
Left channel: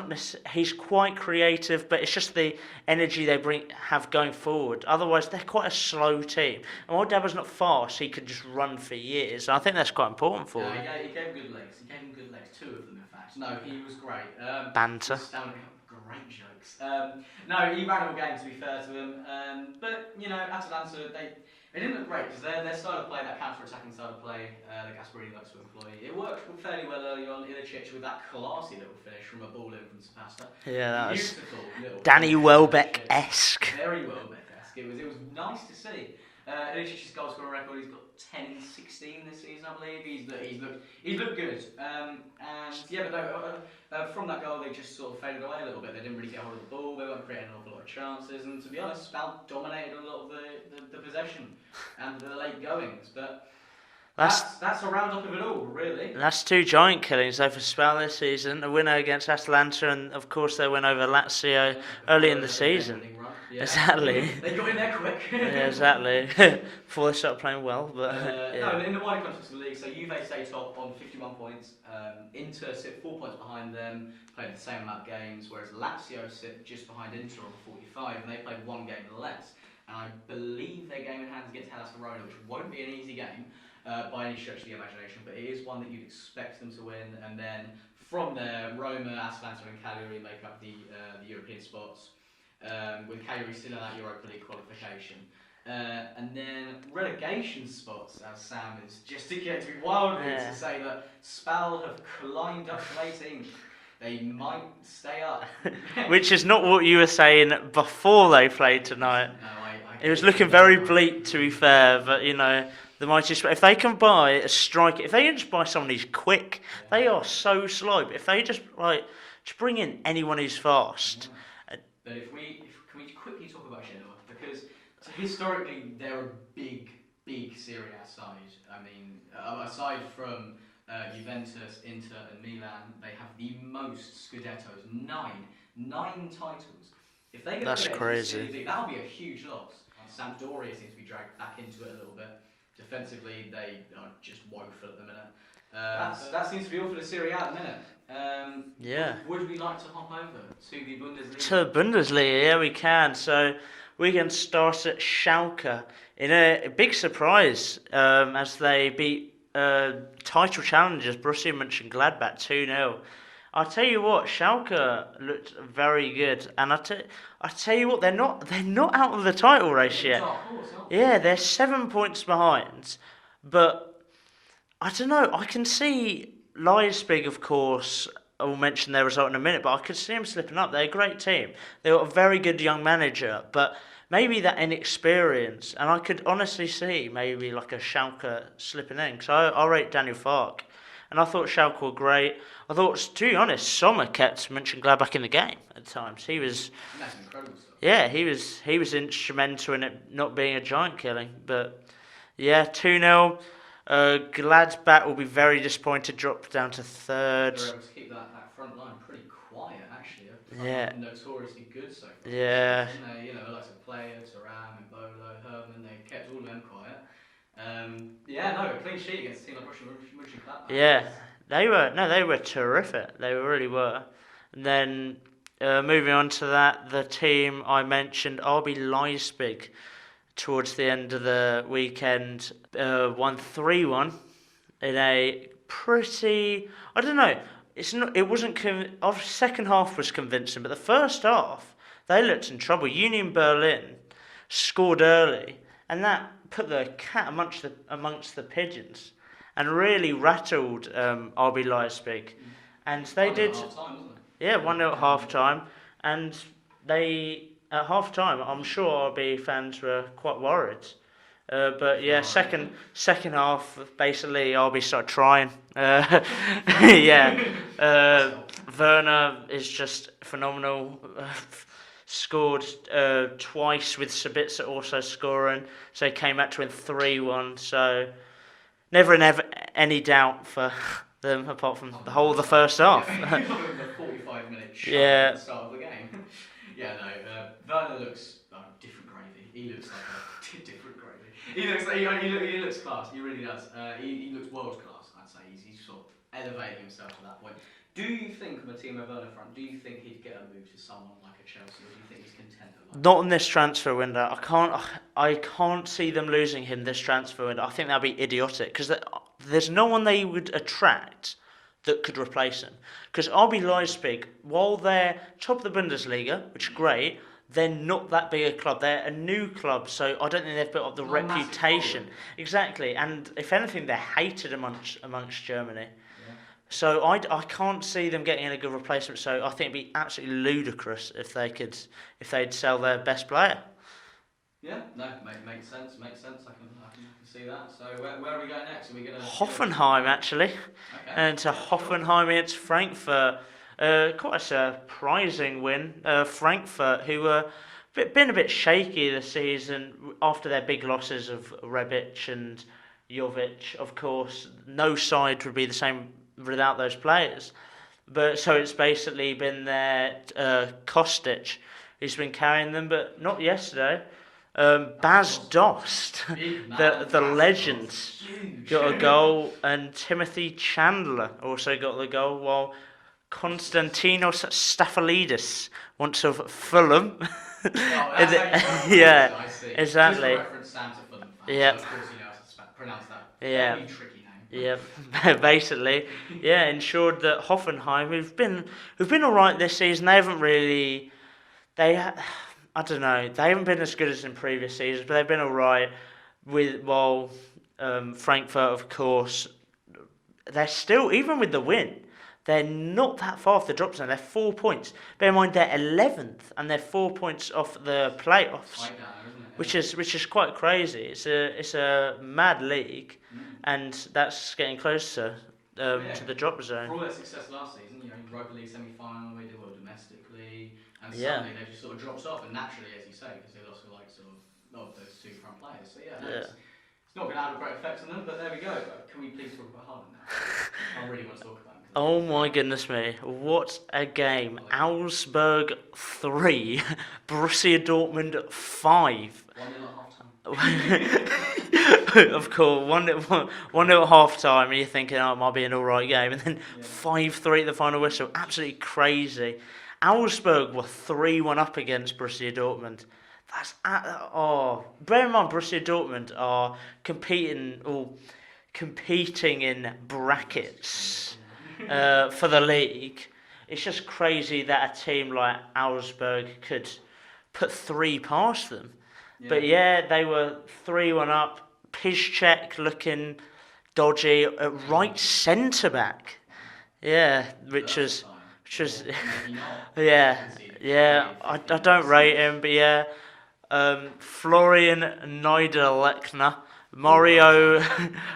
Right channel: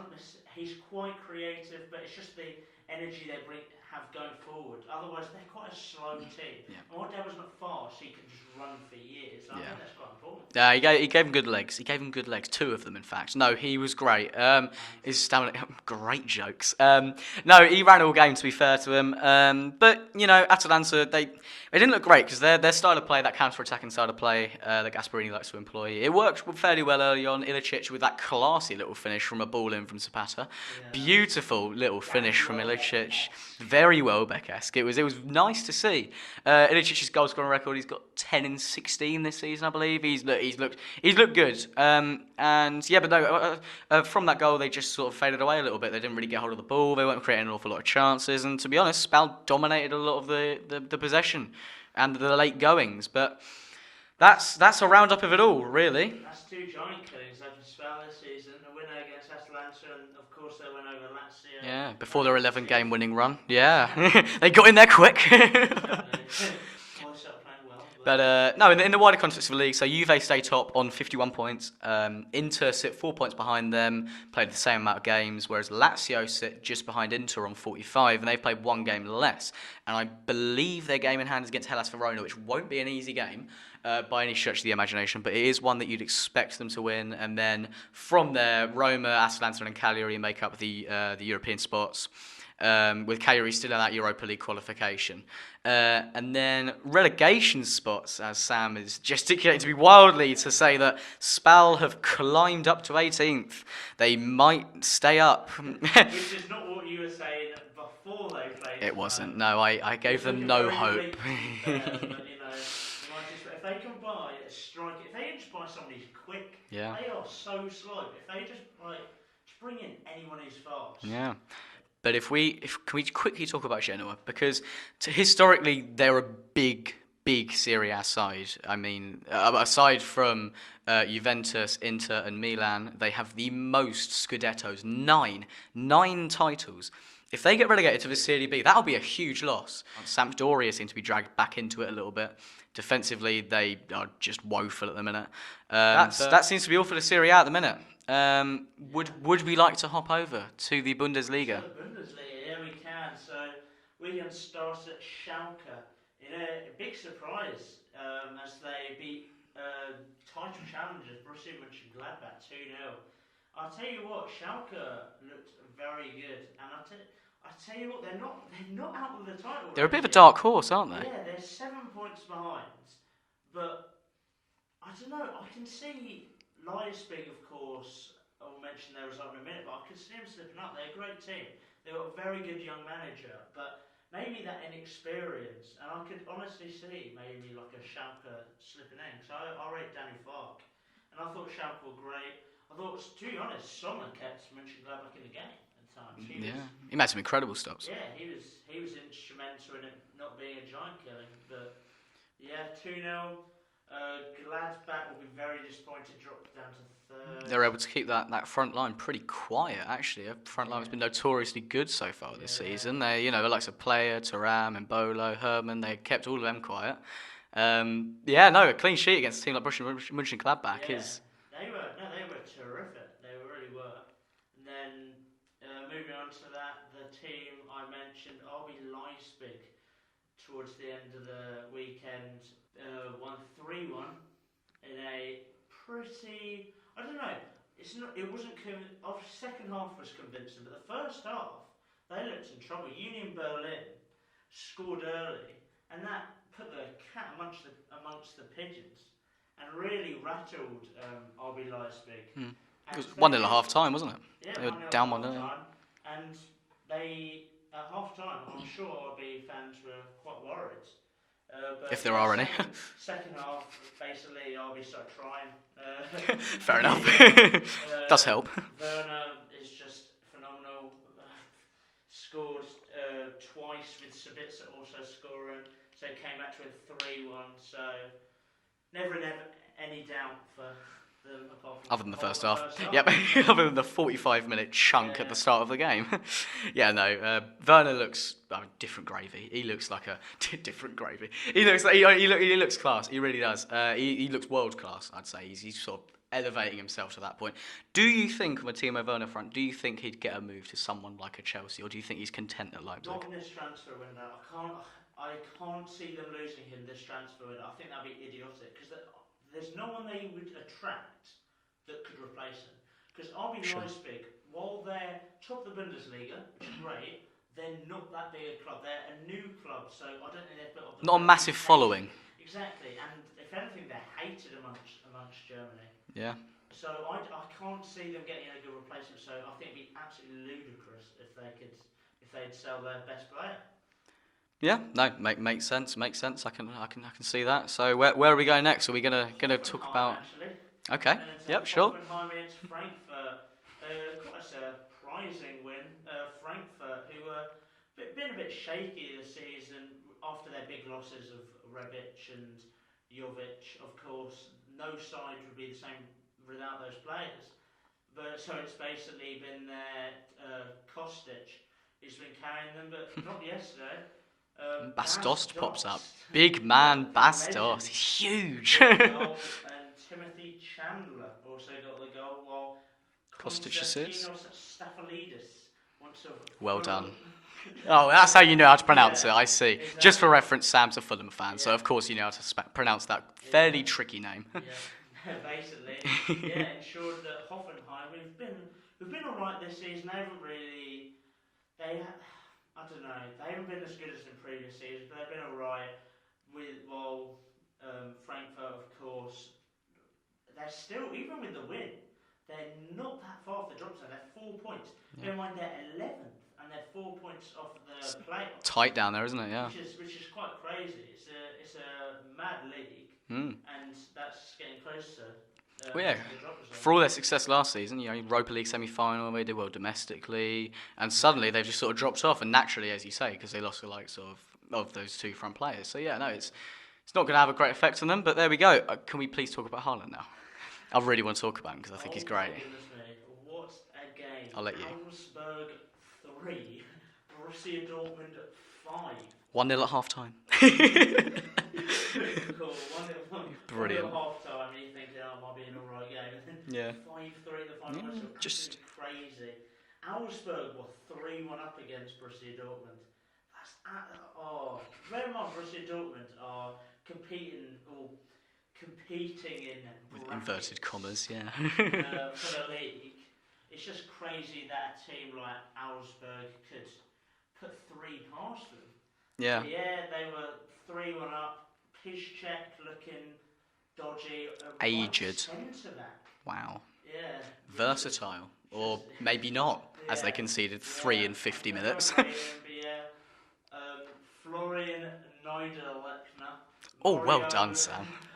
quite creative, but it's just the energy they have going forward. Otherwise, they're quite a slow team. And while Dabo's not fast, he could just run for years. And I think that's quite important for him. Yeah, he gave him good legs. Two of them, in fact. No, he was great. Banter. Great jokes. No, he ran all game, to be fair to him. But, Atalanta, they didn't look great because their style of play, that counter-attacking style of play that Gasperini likes to employ, it worked fairly well early on. Ilicic with that classy little finish from a ball in from Zapata. Yeah, beautiful little Danny finish. Welbeck-esque. Very Welbeck-esque. It was nice to see. Ilicic's goal scoring record, he's got 10 in 16 this season, I believe. He's looked good. And yeah, but no, from that goal they just sort of faded away a little bit. They didn't really get hold of the ball. They weren't creating an awful lot of chances. And to be honest, Spal dominated a lot of the possession and the late goings. But that's a roundup of it all, really. That's two giant killings though for Spal this season. A winner against Atalanta, and of course their win over Lazio before early their in the 11-game winning run. Yeah, exactly. They got in there quick. Yeah, exactly. Before they started playing well. But no, in the wider context of the league, so Juve stay top on 51 points. Inter sit 4 points behind them, played the same amount of games, whereas Lazio sit just behind Inter on 45, and they've played one game less. And I believe their game in hand is against Hellas Verona, which won't be an easy game. by any stretch of the imagination, but it is one that you'd expect them to win. And then from there, Roma, Atalanta, and Cagliari make up the European spots, with Cagliari still in that Europa League qualification. And then relegation spots, as Sam is gesticulating to me wildly to say that Spal have climbed up to 18th. They might stay up. Which is not what you were saying before they played tonight. It wasn't. No, I It was gave them looking no very hope. bleak, to be fair. But the mighty if they can buy a striker, if they can just buy someone who's quick, they are so slow. But if they just bring in anyone who's fast. Yeah. But can we quickly talk about Genoa, because historically they're a big Serie A side. I mean, aside from Juventus, Inter, and Milan, they have the most Scudettos, 9 titles. If they get relegated to the Serie B, that'll be a huge loss. Sampdoria seem to be dragged back into it a little bit. Defensively, they are just woeful at the minute. That seems to be all for the Serie A at the minute. Would we like to hop over to the Bundesliga? To Bundesliga, yeah, we can. So we can start at Schalke in a big surprise as they beat title challengers Borussia Mönchengladbach 2-0. I'll tell you what, Schalke looked very good, and I tell you what, they're not out of the title race They're a bit of yet. a dark horse, aren't they? Yeah, they're 7 points behind, but I don't know. I can see Leipzig, of course. I will mention their result in a minute, but I could see them slipping up. They're a great team. They've got a very good young manager, but maybe that inexperience, and I could honestly see maybe like a Schalke slipping in, because I rate Daniel Fark, and I thought Schalke were great. I thought, to be honest, Sommer kept Mönchengladbach in the game at times. He made some incredible stops. Yeah, he was instrumental in it not being a giant killing. But yeah, 2-0. Gladbach will be very disappointed, dropped down to third. They're able to keep that front line pretty quiet, actually. The front line's been notoriously good so far this season. They, the likes of Player, Thuram, Embolo, Herman, they kept all of them quiet. A clean sheet against a team like Borussia Mönchengladbach. Yeah, they were terrific. They really were. And then moving on to that, the team I mentioned, RB Leipzig, towards the end of the weekend, won 3-1 in a pretty, I don't know, it wasn't, our second half was convincing, but the first half, they looked in trouble. Union Berlin scored early, and that put the cat amongst the pigeons, and really rattled RB Leipzig. And they 1-0 at half time, wasn't it? Yeah, 1-0 at half time, and they. At half time, I'm sure RB fans were quite worried. But yeah, second half, basically, RB started trying. Does help. Werner is just phenomenal. Scored twice with Sabitzer also scoring. So he came back to win 3-1. So never any doubt for them, apart from the first half. Yeah, other than the 45-minute chunk at the start of the game. Werner looks different gravy. He looks like a different gravy. He looks class. He really does. He looks world class, I'd say. He's sort of elevating himself to that point. Do you think, on the Timo Werner front, do you think he'd get a move to someone like a Chelsea, or do you think he's content at Leipzig? Not in this transfer window. I can't see them losing him this transfer window. I think that'd be idiotic, because there's no one they would attract that could replace him. Because RB Leipzig, while they're top of the Bundesliga, which is great, they're not that big a club. They're a new club, so I don't think they've built up the reputation. Not a massive following. Exactly, and if anything, they're hated amongst Germany. Yeah. So I can't see them getting a good replacement. So I think it'd be absolutely ludicrous if they'd sell their best player. Yeah, no, makes sense. I can see that. So where are we going next? Are we gonna Hoffenheim actually? Okay. And to Hoffenheim against Frankfurt. Quite a surprising win. Frankfurt, who were been a bit shaky this season after their big losses of Rebic and Jovic. Of course, no side would be the same without those players. But so it's basically been their Kostic who's been carrying them, but not yesterday. Bas Dost, big man, the legend, Dost. Huge, got a goal, and Timothy Chandler also got the goal, while Konstantinos Staphylidis, once of Fulham, Oh, that's how you know how to pronounce it. I see. Exactly. Just for reference, Sam's a Fulham fan, so Yep. of course you know how to pronounce that fairly tricky name. Yeah, basically, ensured that Hoffenheim, who've been all right this season, they haven't really, I don't know, they haven't been as good as in previous seasons, but they've been all right. Frankfurt, of course, they're still, even with the win, they're not that far off the drop zone. They're 4 points. Bear in mind they're 11th, and they're 4 points off the playoffs. Tight down there, isn't it? Yeah. Which is quite crazy. It's a mad league, and that's getting closer to the drop zone. For all their success last season, Europa League semi-final, they did well domestically, and suddenly they've just sort of dropped off. And naturally, as you say, because they lost the likes of those two front players. So it's not going to have a great effect on them, but there we go. Can we please talk about Haaland now? I really want to talk about him because I think he's great. Oh my goodness me, what a game. Augsburg 3, Borussia Dortmund 5. 1-0 at half-time. Of course, 1-0 at half-time, and you're thinking, it might be an alright game, and then 5-3 at the final whistle. Absolutely crazy. Augsburg were 3-1 up against Borussia Dortmund. Bear in mind, Borussia Dortmund are competing in brackets for the league. It's just crazy that a team like Augsburg could put 3 past them. Yeah. But they were 3-1 up. Piszczek looking dodgy at right centre back. Wow. Yeah, Versatile. Which was maybe not. As they conceded 3 in 50 minutes. I don't rate him, but Florian Niederlechner, Mario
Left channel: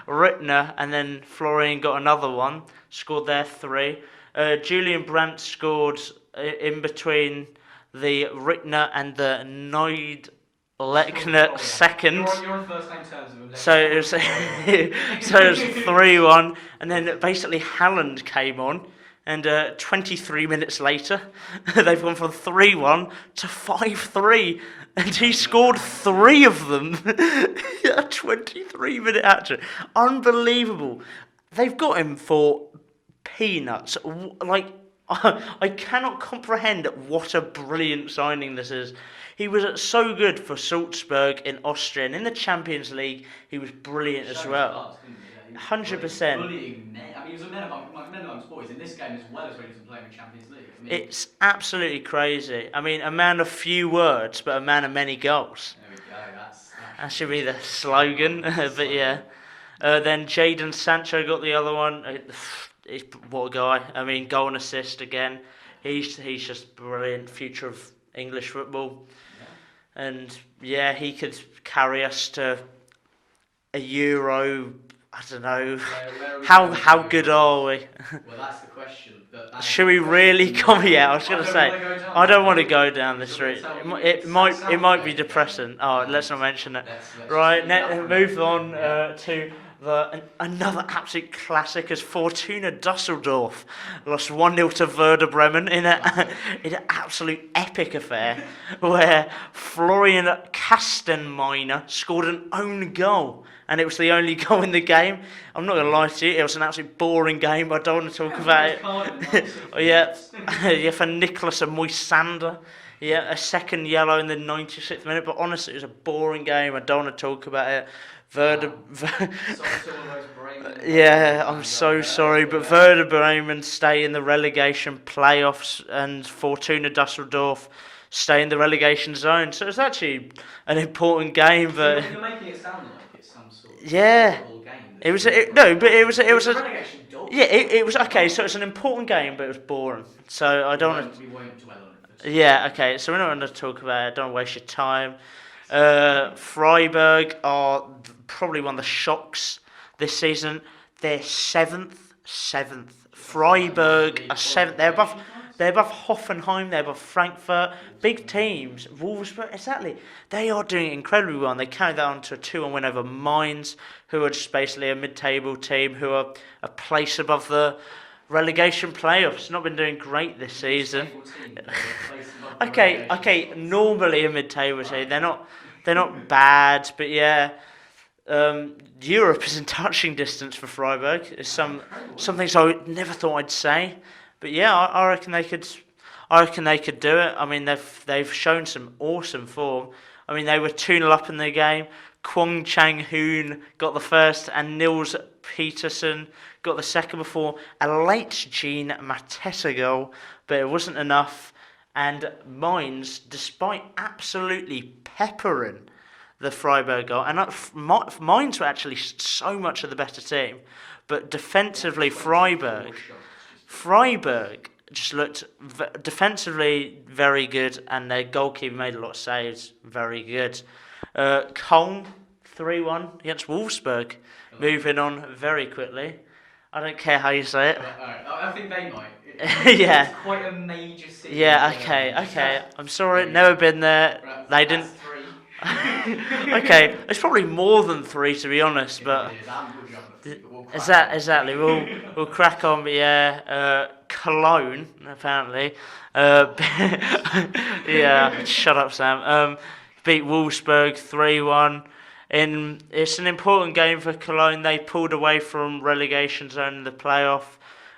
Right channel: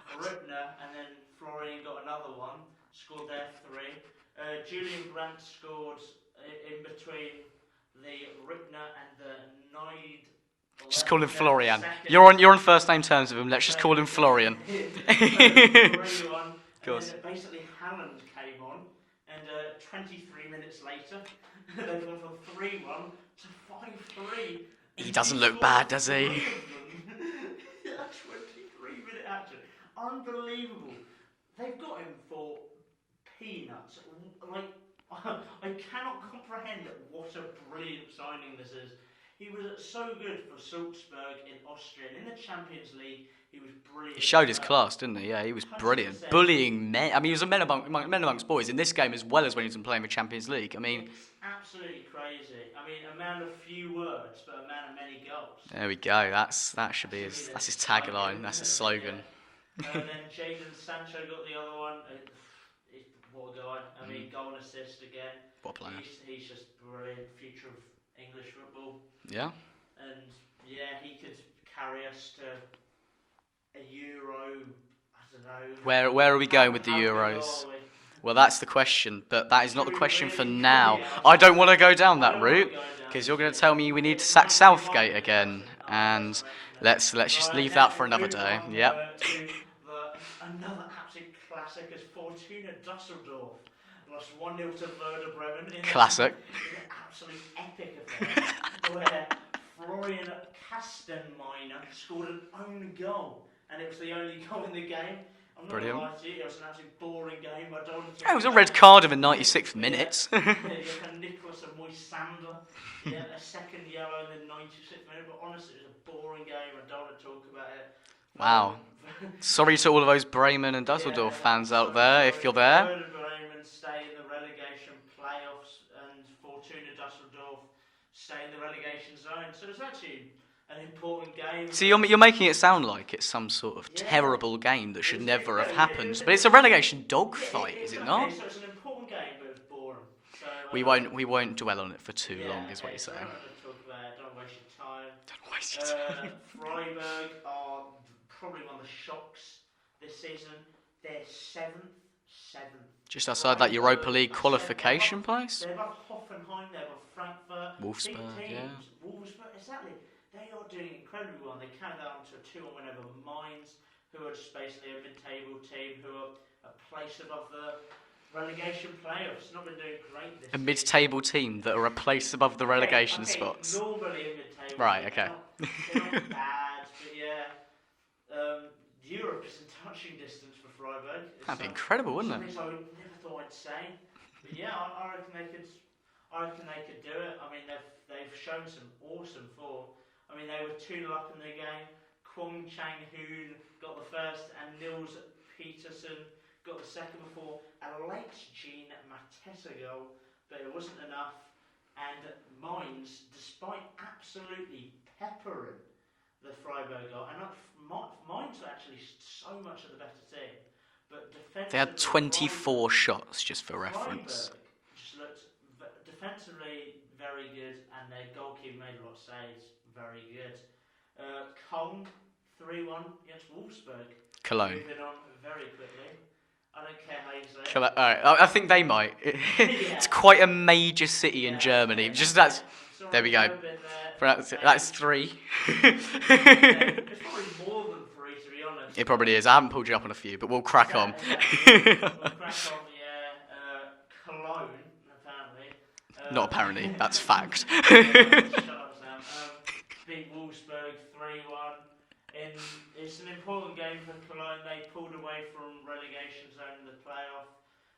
Rittner, and then Florian got another one, scored their 3. Julian Brandt scored in between the Rittner and the Niederlechner second. You're on first name terms with him. Let's just call him Florian. So it was 3-1, and then basically Haland came on. And 23 minutes later, they've gone from 3-1 to 5-3. And he scored 3 of them. A 23-minute hat-trick. Unbelievable. They've got him for peanuts. Like, I cannot comprehend what a brilliant signing this is. He was so good for Salzburg in Austria, and in the Champions League, he was brilliant. He showed his class, didn't he? Yeah, he was 100%. Brilliant. Bullying men. I mean, he was a men amongst boys in this game as well as when he was playing with Champions League. I mean, it's absolutely crazy. I mean, a man of few words, but a man of many goals. There we go. That should be the slogan. But yeah, then Jadon Sancho got the other one. What a guy! I mean, goal and assist again. He's just brilliant. Future of English football. Yeah. And he could carry us to a Euro. I don't know. Where are we going? How good are we? Well, that's the question. But that is should we really come? Yeah, I don't want to go down. I don't want to go down because you're going to tell me we need to sack Southgate. It might be depressing. Let's not mention it. Let's just leave that for another day. Move on to another absolute classic as Fortuna Düsseldorf lost 1-0 to Werder Bremen in an absolute epic affair where Florian Kastenmeier scored an own goal. And it was the only goal in the game. I'm not going to lie to you, it was an absolutely boring game. I don't want to talk about it. It was a red card in the 96th minute. For Nicholas and Moisander. Yeah, a second yellow in the 96th minute. But honestly, it was a boring game. I don't want to talk about it. Sorry to all of those Bremen and Düsseldorf fans I'm so sorry, but Werder Bremen stay in the relegation playoffs and Fortuna Düsseldorf stay in the relegation zone. So it's actually an important game. So you're making it sound like it's some sort of terrible game that should never happen. But it was a relegation dogfight. Yeah, it was okay. So it's an important game, but it was boring. So we won't dwell on it for too long. Yeah, okay. So we're not going to talk about it. Don't waste your time. Freiburg are probably one of the shocks this season. They're seventh. Just outside that Europa League qualification place. They're above Hoffenheim. They're above Frankfurt. Wolfsburg, big teams. Yeah. Wolfsburg, exactly. They are doing incredibly well. And they carried that on to a 2-1 win over Mainz, who are just basically a mid-table team who are a place above the relegation playoffs. Not been doing great this season. A mid-table team that are a place above the relegation spots. Okay, normally a mid-table team. They're not bad, but yeah. Europe is in touching distance for Freiburg. It's incredible, some things I never thought I'd say, but yeah, I reckon they could. I reckon they could do it. I mean, they've shown some awesome form. I mean, they were 2-0 up in the game. Kwong Chang-hoon got the first, and Nils Peterson got the second before a late Jean Mateta goal, but it wasn't enough. And Mainz, despite absolutely peppering the Freiburg goal, and Mainz were actually so much of the better team, but defensively, they had 24 shots just for Freiburg just looked defensively very good, and their goalkeeper made a lot of saves, very good. Köln 3-1 against Wolfsburg, Cologne. moving on very quickly. I don't care how you say it. All right. I think they might. Yeah. It's quite a major city in Germany. Okay. I'm sorry, never been there. That's 3. Okay, it's probably more than 3 to be honest. It probably is. I haven't pulled you up on a few, but we'll crack on. Exactly. We'll crack on. But yeah, Cologne apparently. That's fact. Yeah. Shut up, Sam. Beat Wolfsburg 3-1. It's an important game for Cologne. They pulled away from relegation zone in the playoff,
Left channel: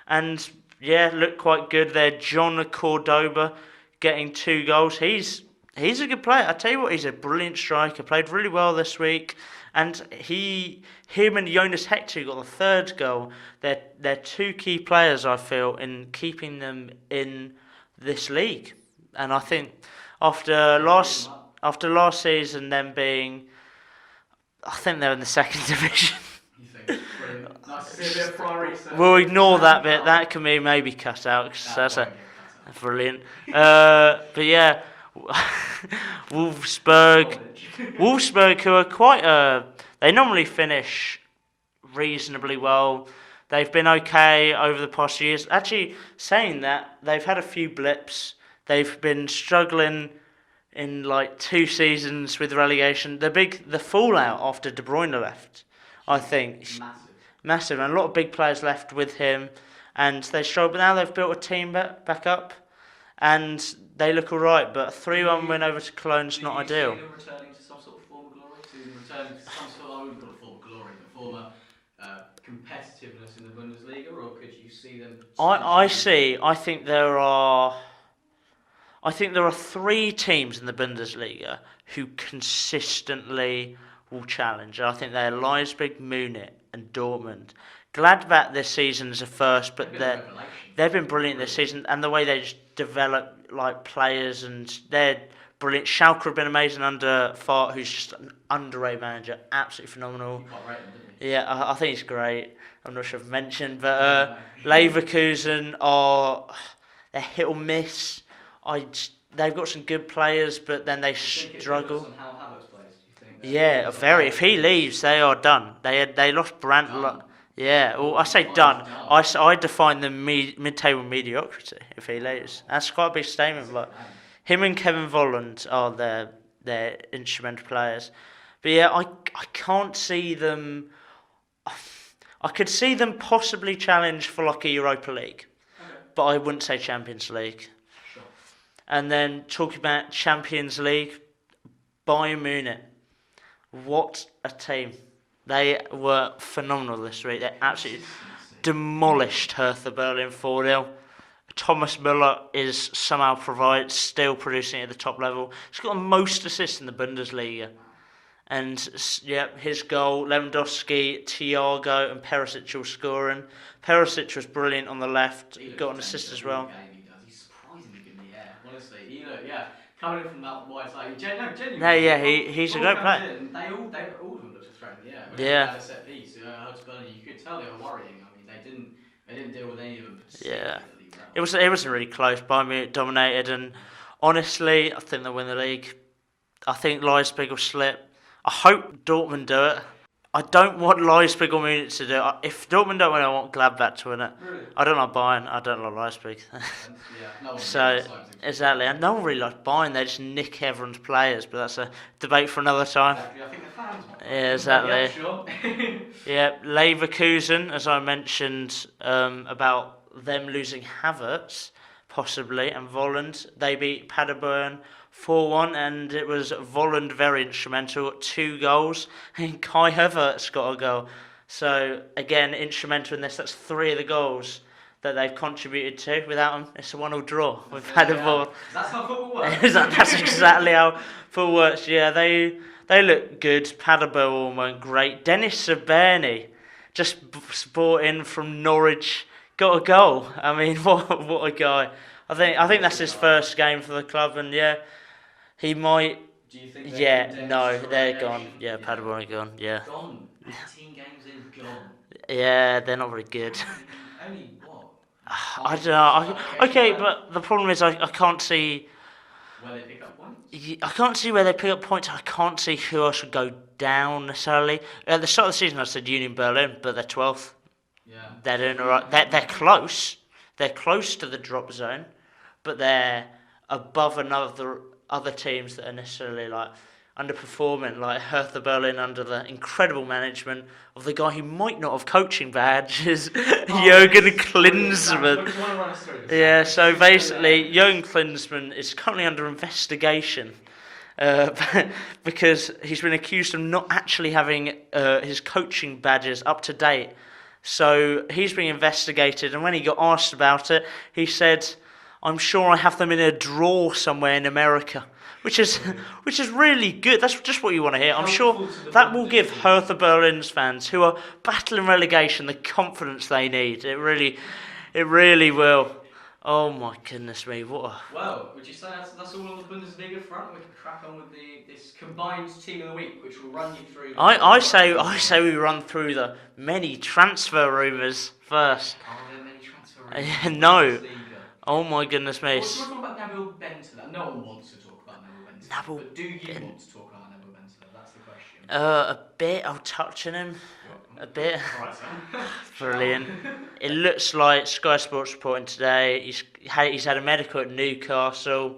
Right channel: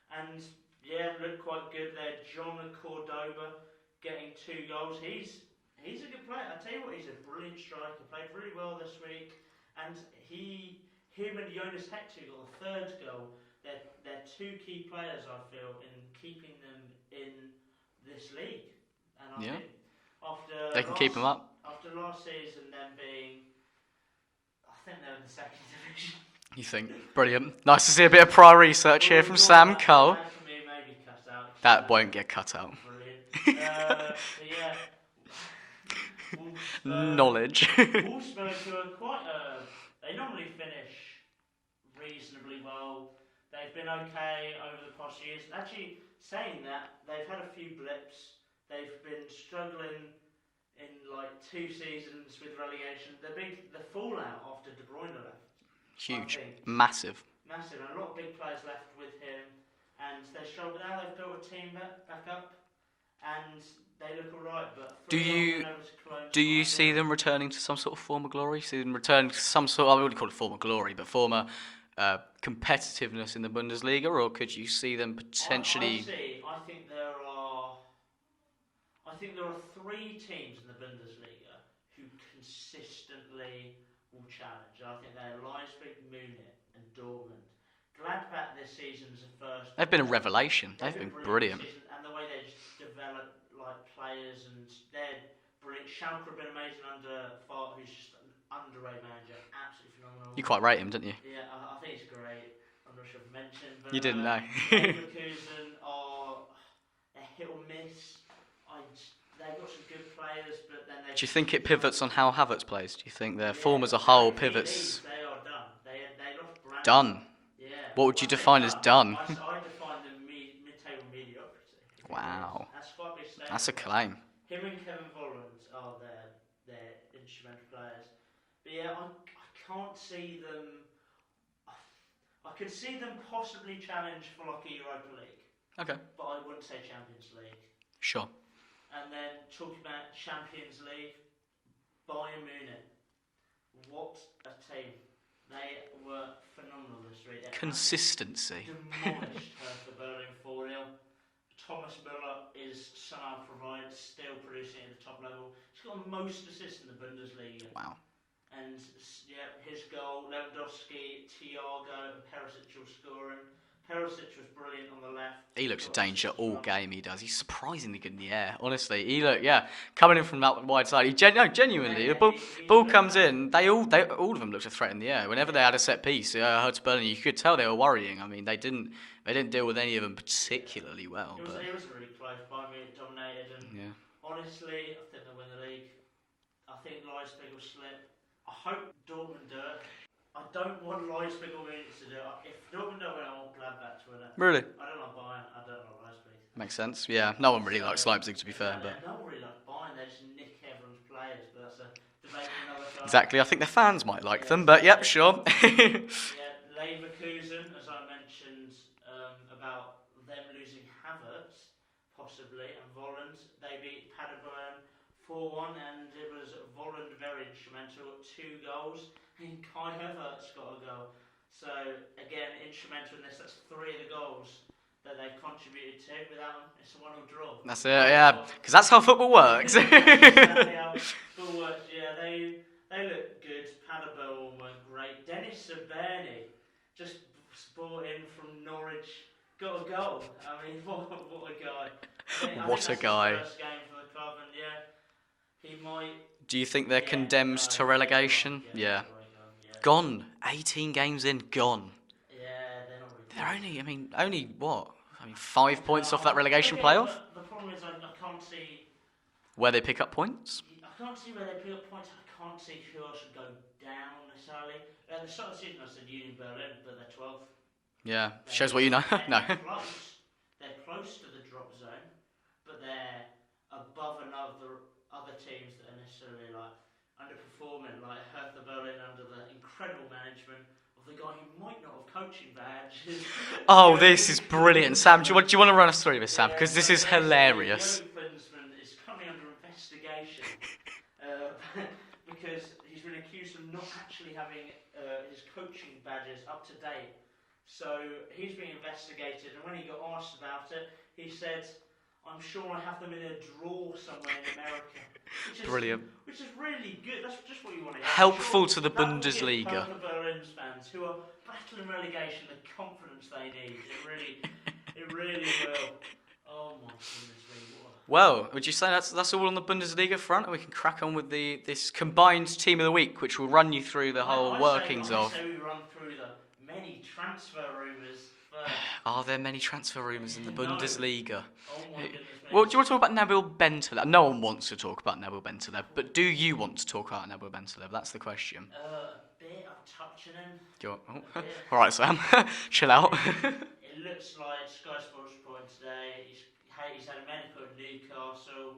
and yeah, looked quite good there. John Cordoba getting 2 goals. He's a good player. I tell you what, he's a brilliant striker. Played really well this week, and him and Jonas Hector got the 3rd goal. They're 2 key players, I feel, in keeping them in this league. And I think after last season, them being, I think they're in the 2nd division. You think? Brilliant. Nice to see a bit of prior research. We'll ignore that bit. That can be maybe cut out. That won't get cut out. Brilliant. But yeah, Wolfsburg. Knowledge. Wolfsburg, who are quite they normally finish reasonably well. They've been okay over the past few years. Actually, saying that, they've had a few blips. They've been struggling in like 2 seasons with relegation. The fallout after De Bruyne left, huge. I think. Massive. And a lot of big players left with him, and they struggled. But now they've built a team back up, and they look all right. But a 3-1 win over to Cologne's not ideal. Do you see them returning to some sort of former glory? See them returning to some sort of, I wouldn't call it former glory, but former competitiveness in the Bundesliga, or could you see them potentially? I think there are 3 teams in the Bundesliga who consistently will challenge. I think they're Leipzig, Munich, and Dortmund. Gladbach this season is a first, but they've been a revelation. They've been brilliant this season, and the way they just develop like players, and they're brilliant. Schalke have been amazing under Fart, who's just an underrated manager, absolutely phenomenal. You quite rate him, didn't you? Yeah, I think he's great. I'm not sure if I've mentioned, but Leverkusen they're hit or miss. They've got some good players, but then they struggle. Do you think it pivots on how Havertz plays? Do you think their form as a whole If he leaves, they are done. They lost Brandt. Done. Yeah, well, I say done. Done. I define them mid-table mediocrity if he leaves. That's quite a big statement. That's a claim. Him and Kevin Volland are their instrumental players. But yeah, I can't see them. I could see them possibly challenge for like a Europa League. Okay. But I wouldn't say Champions League. Sure. And then talking about Champions League, Bayern Munich. What a team. They were phenomenal this week. They Consistency. Demolished Hertha Berlin 4-0. Thomas Müller is somehow still producing at the top level. He's got the most assists in the Bundesliga. Wow. And yeah, his goal, Lewandowski, Thiago and Perisic all scoring. Perisic was brilliant on the left. He looks danger all game, he does. He's surprisingly good in the air, honestly. Coming in from that wide side, genuinely. He's ball comes in, all of them looked a threat in the air. Whenever they had a set piece, Hertha Berlin, you could tell they were worrying. I mean, they didn't deal with any of them particularly well. It was really close. Bayern Munich dominated, and honestly, I think they'll win the league. I think Leipzig will slip. I hope Dortmund do it. I don't want Leipzig or Munich to do it. If Dortmund don't win, I want Gladbach to win it. Really? I don't like Bayern. I don't like Leipzig. Makes sense. Yeah, no one really likes Leipzig. Exactly, and no one really likes Bayern. They just nick everyone's players, but that's a debate for another time. Exactly. I think the fans might like them, but yeah, sure. Yeah, Leverkusen, as I mentioned about them losing Havertz, possibly, and Volland. They beat Paderborn 4-1, and it was Volland very instrumental, 2 goals, and Kai Havertz got a goal. So, again, instrumental in this. That's 3 of the goals that they've contributed to. Without them, it's a 1-1 draw. That's We've it, had yeah. more. 'Cause that's how football works. That's exactly how football works. Yeah, they look good. Paderborn weren't great. Dennis Saberni just brought in from Norwich, got a goal. I mean, what a guy. I think What that's a his guy. first game for the club, and yeah, he might. Do you think they're Yeah, condemned no, to they're relegation? gone. Yeah, Paderborn are gone. Yeah, Gone. 18 games in, gone. yeah, they're not very good. Only what? I 5 points don't know. off that relegation Okay, playoff? but the problem is I can't see. Where they pick up points? I can't see where they pick up points. I can't see who else would go down necessarily. At the start of the season, I said Union Berlin, but they're 12th. Yeah. They're shows doing what all you right. know. They're close. They're close to the drop zone, but they're above other teams that are necessarily like underperforming, like Hertha Berlin under the incredible management of the guy who might not have coaching badges, Jürgen This is brilliant. Sam, do Klinsmann. you want to run us through this, Sam? Yeah, 'Cause so this is basically, hilarious. Jürgen Klinsmann is currently under investigation because he's been accused of not actually having his coaching badges up to date. So he's being investigated, and when he got asked about it, he said, "I'm sure I have them in a drawer somewhere in America." Which is really good. That's just what you want to hear. Helpful I'm sure to the that will give Bundesliga. Hertha Berlin's fans who are battling relegation the confidence they need. It really will. Oh my goodness me! What a Well, would you say that's all on the Bundesliga front, and we can crack on with this combined team of the week, which will run you through the. I say workings of- we run through the many transfer rumours first. Are there many transfer rumours Yeah, in the no. Bundesliga? Oh my goodness me! Well, do you want to talk about Nabil Bentaleb? No one wants to talk about Nabil Bentaleb, Nabil- but do you want to talk about Nabil Bentaleb? That's the question. A bit. I'll touch on him. Go on. A bit. All right, Sam. Chill out. Brilliant. It looks like Sky Sports reporting today. He's had a medical at Newcastle.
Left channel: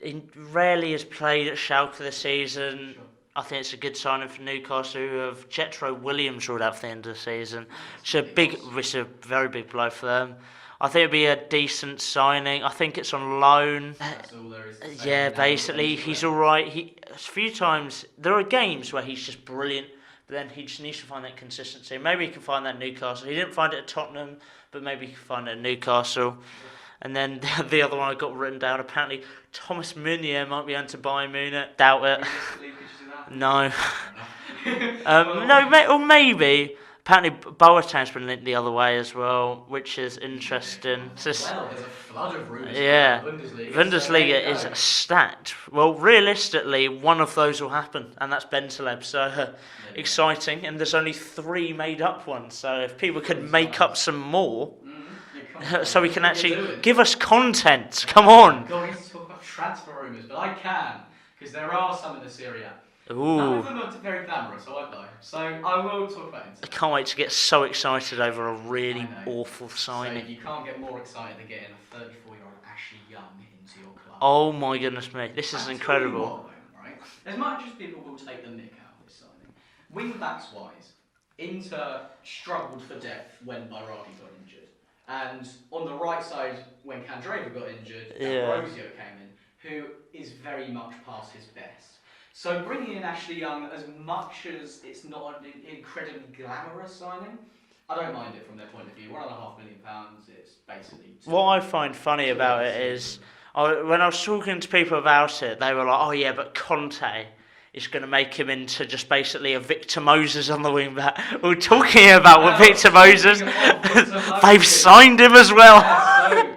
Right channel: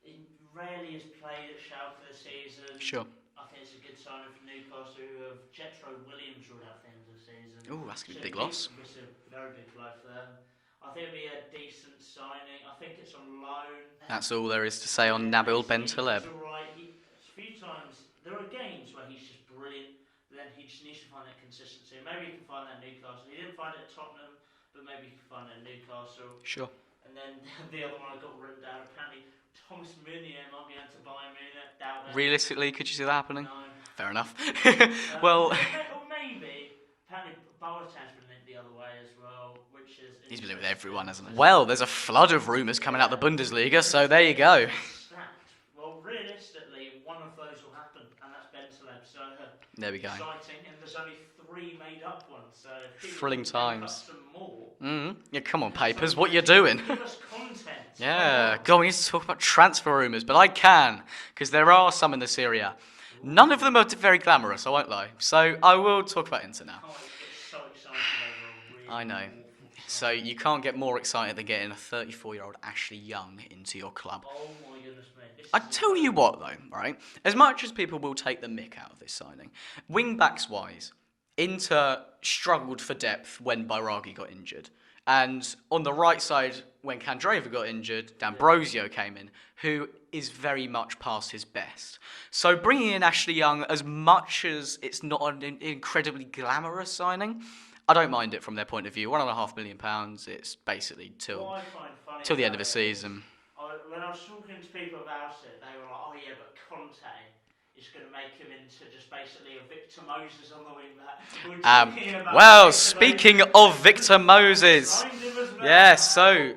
He rarely has played at Schalke this season. Sure. I think it's a good signing for Newcastle, who have Jetro Williams ruled out for the end of the season. Ooh, that's It's a big loss. it's a very big blow for them. I think it'd be a decent signing. I think it's on loan. That's all there is to say Yeah, on Nabil basically Bentaleb. he's all right. A few times there are games where he's just brilliant, but then he just needs to find that consistency. Maybe he can find that at Newcastle. He didn't find it at Tottenham, but maybe he can find it at Newcastle. Sure. And then the other one I got written down. Apparently, Thomas Meunier might be into Bayern Munich. Doubt it. Realistically, could you see that happening? No. Fair enough. Or maybe. Apparently, Boateng's been linked the other way as well, which is interesting. Everyone has- It's well, there's a flood of rumours coming out of the Bundesliga, so there you go. is stacked. Well, realistically, one of those will happen, and that's Bentaleb. So There we go. exciting, and there's only 3 made-up ones. So if people 3 can make up times. some more, Yeah, come on, papers, so we can what you actually doing? give us content. Yeah, Come on. Go on, we need to talk about transfer rumours, but I can, because there are some in the Serie A. None of Ooh. them are very glamorous, I won't lie. So I will talk about Inter. now. Can't wait to get so excited over a really I know. awful So sign. you can't get more excited than getting a 34-year-old Ashley Young into your club. Oh my goodness me, this is I incredible. tell you what though, right? As much as people will take the mick out of this signing, wing backs wise, Inter struggled for depth when Bairagi got injured, and on the right side when Candreva got injured, Yeah. D'Ambrosio came in, who is very much past his best. So bringing in Ashley Young, as much as it's not an incredibly glamorous signing, I don't mind it from their point of view. £1.5 million, it's basically What I find funny till the end about of the it is, season. when I was talking to people about it, they were like, "Oh yeah, but Conte is going to make him into just basically a Victor Moses on the wing back." We're talking about well, Victor Moses. speaking of Victor They've Moses. signed him as well. Yeah, so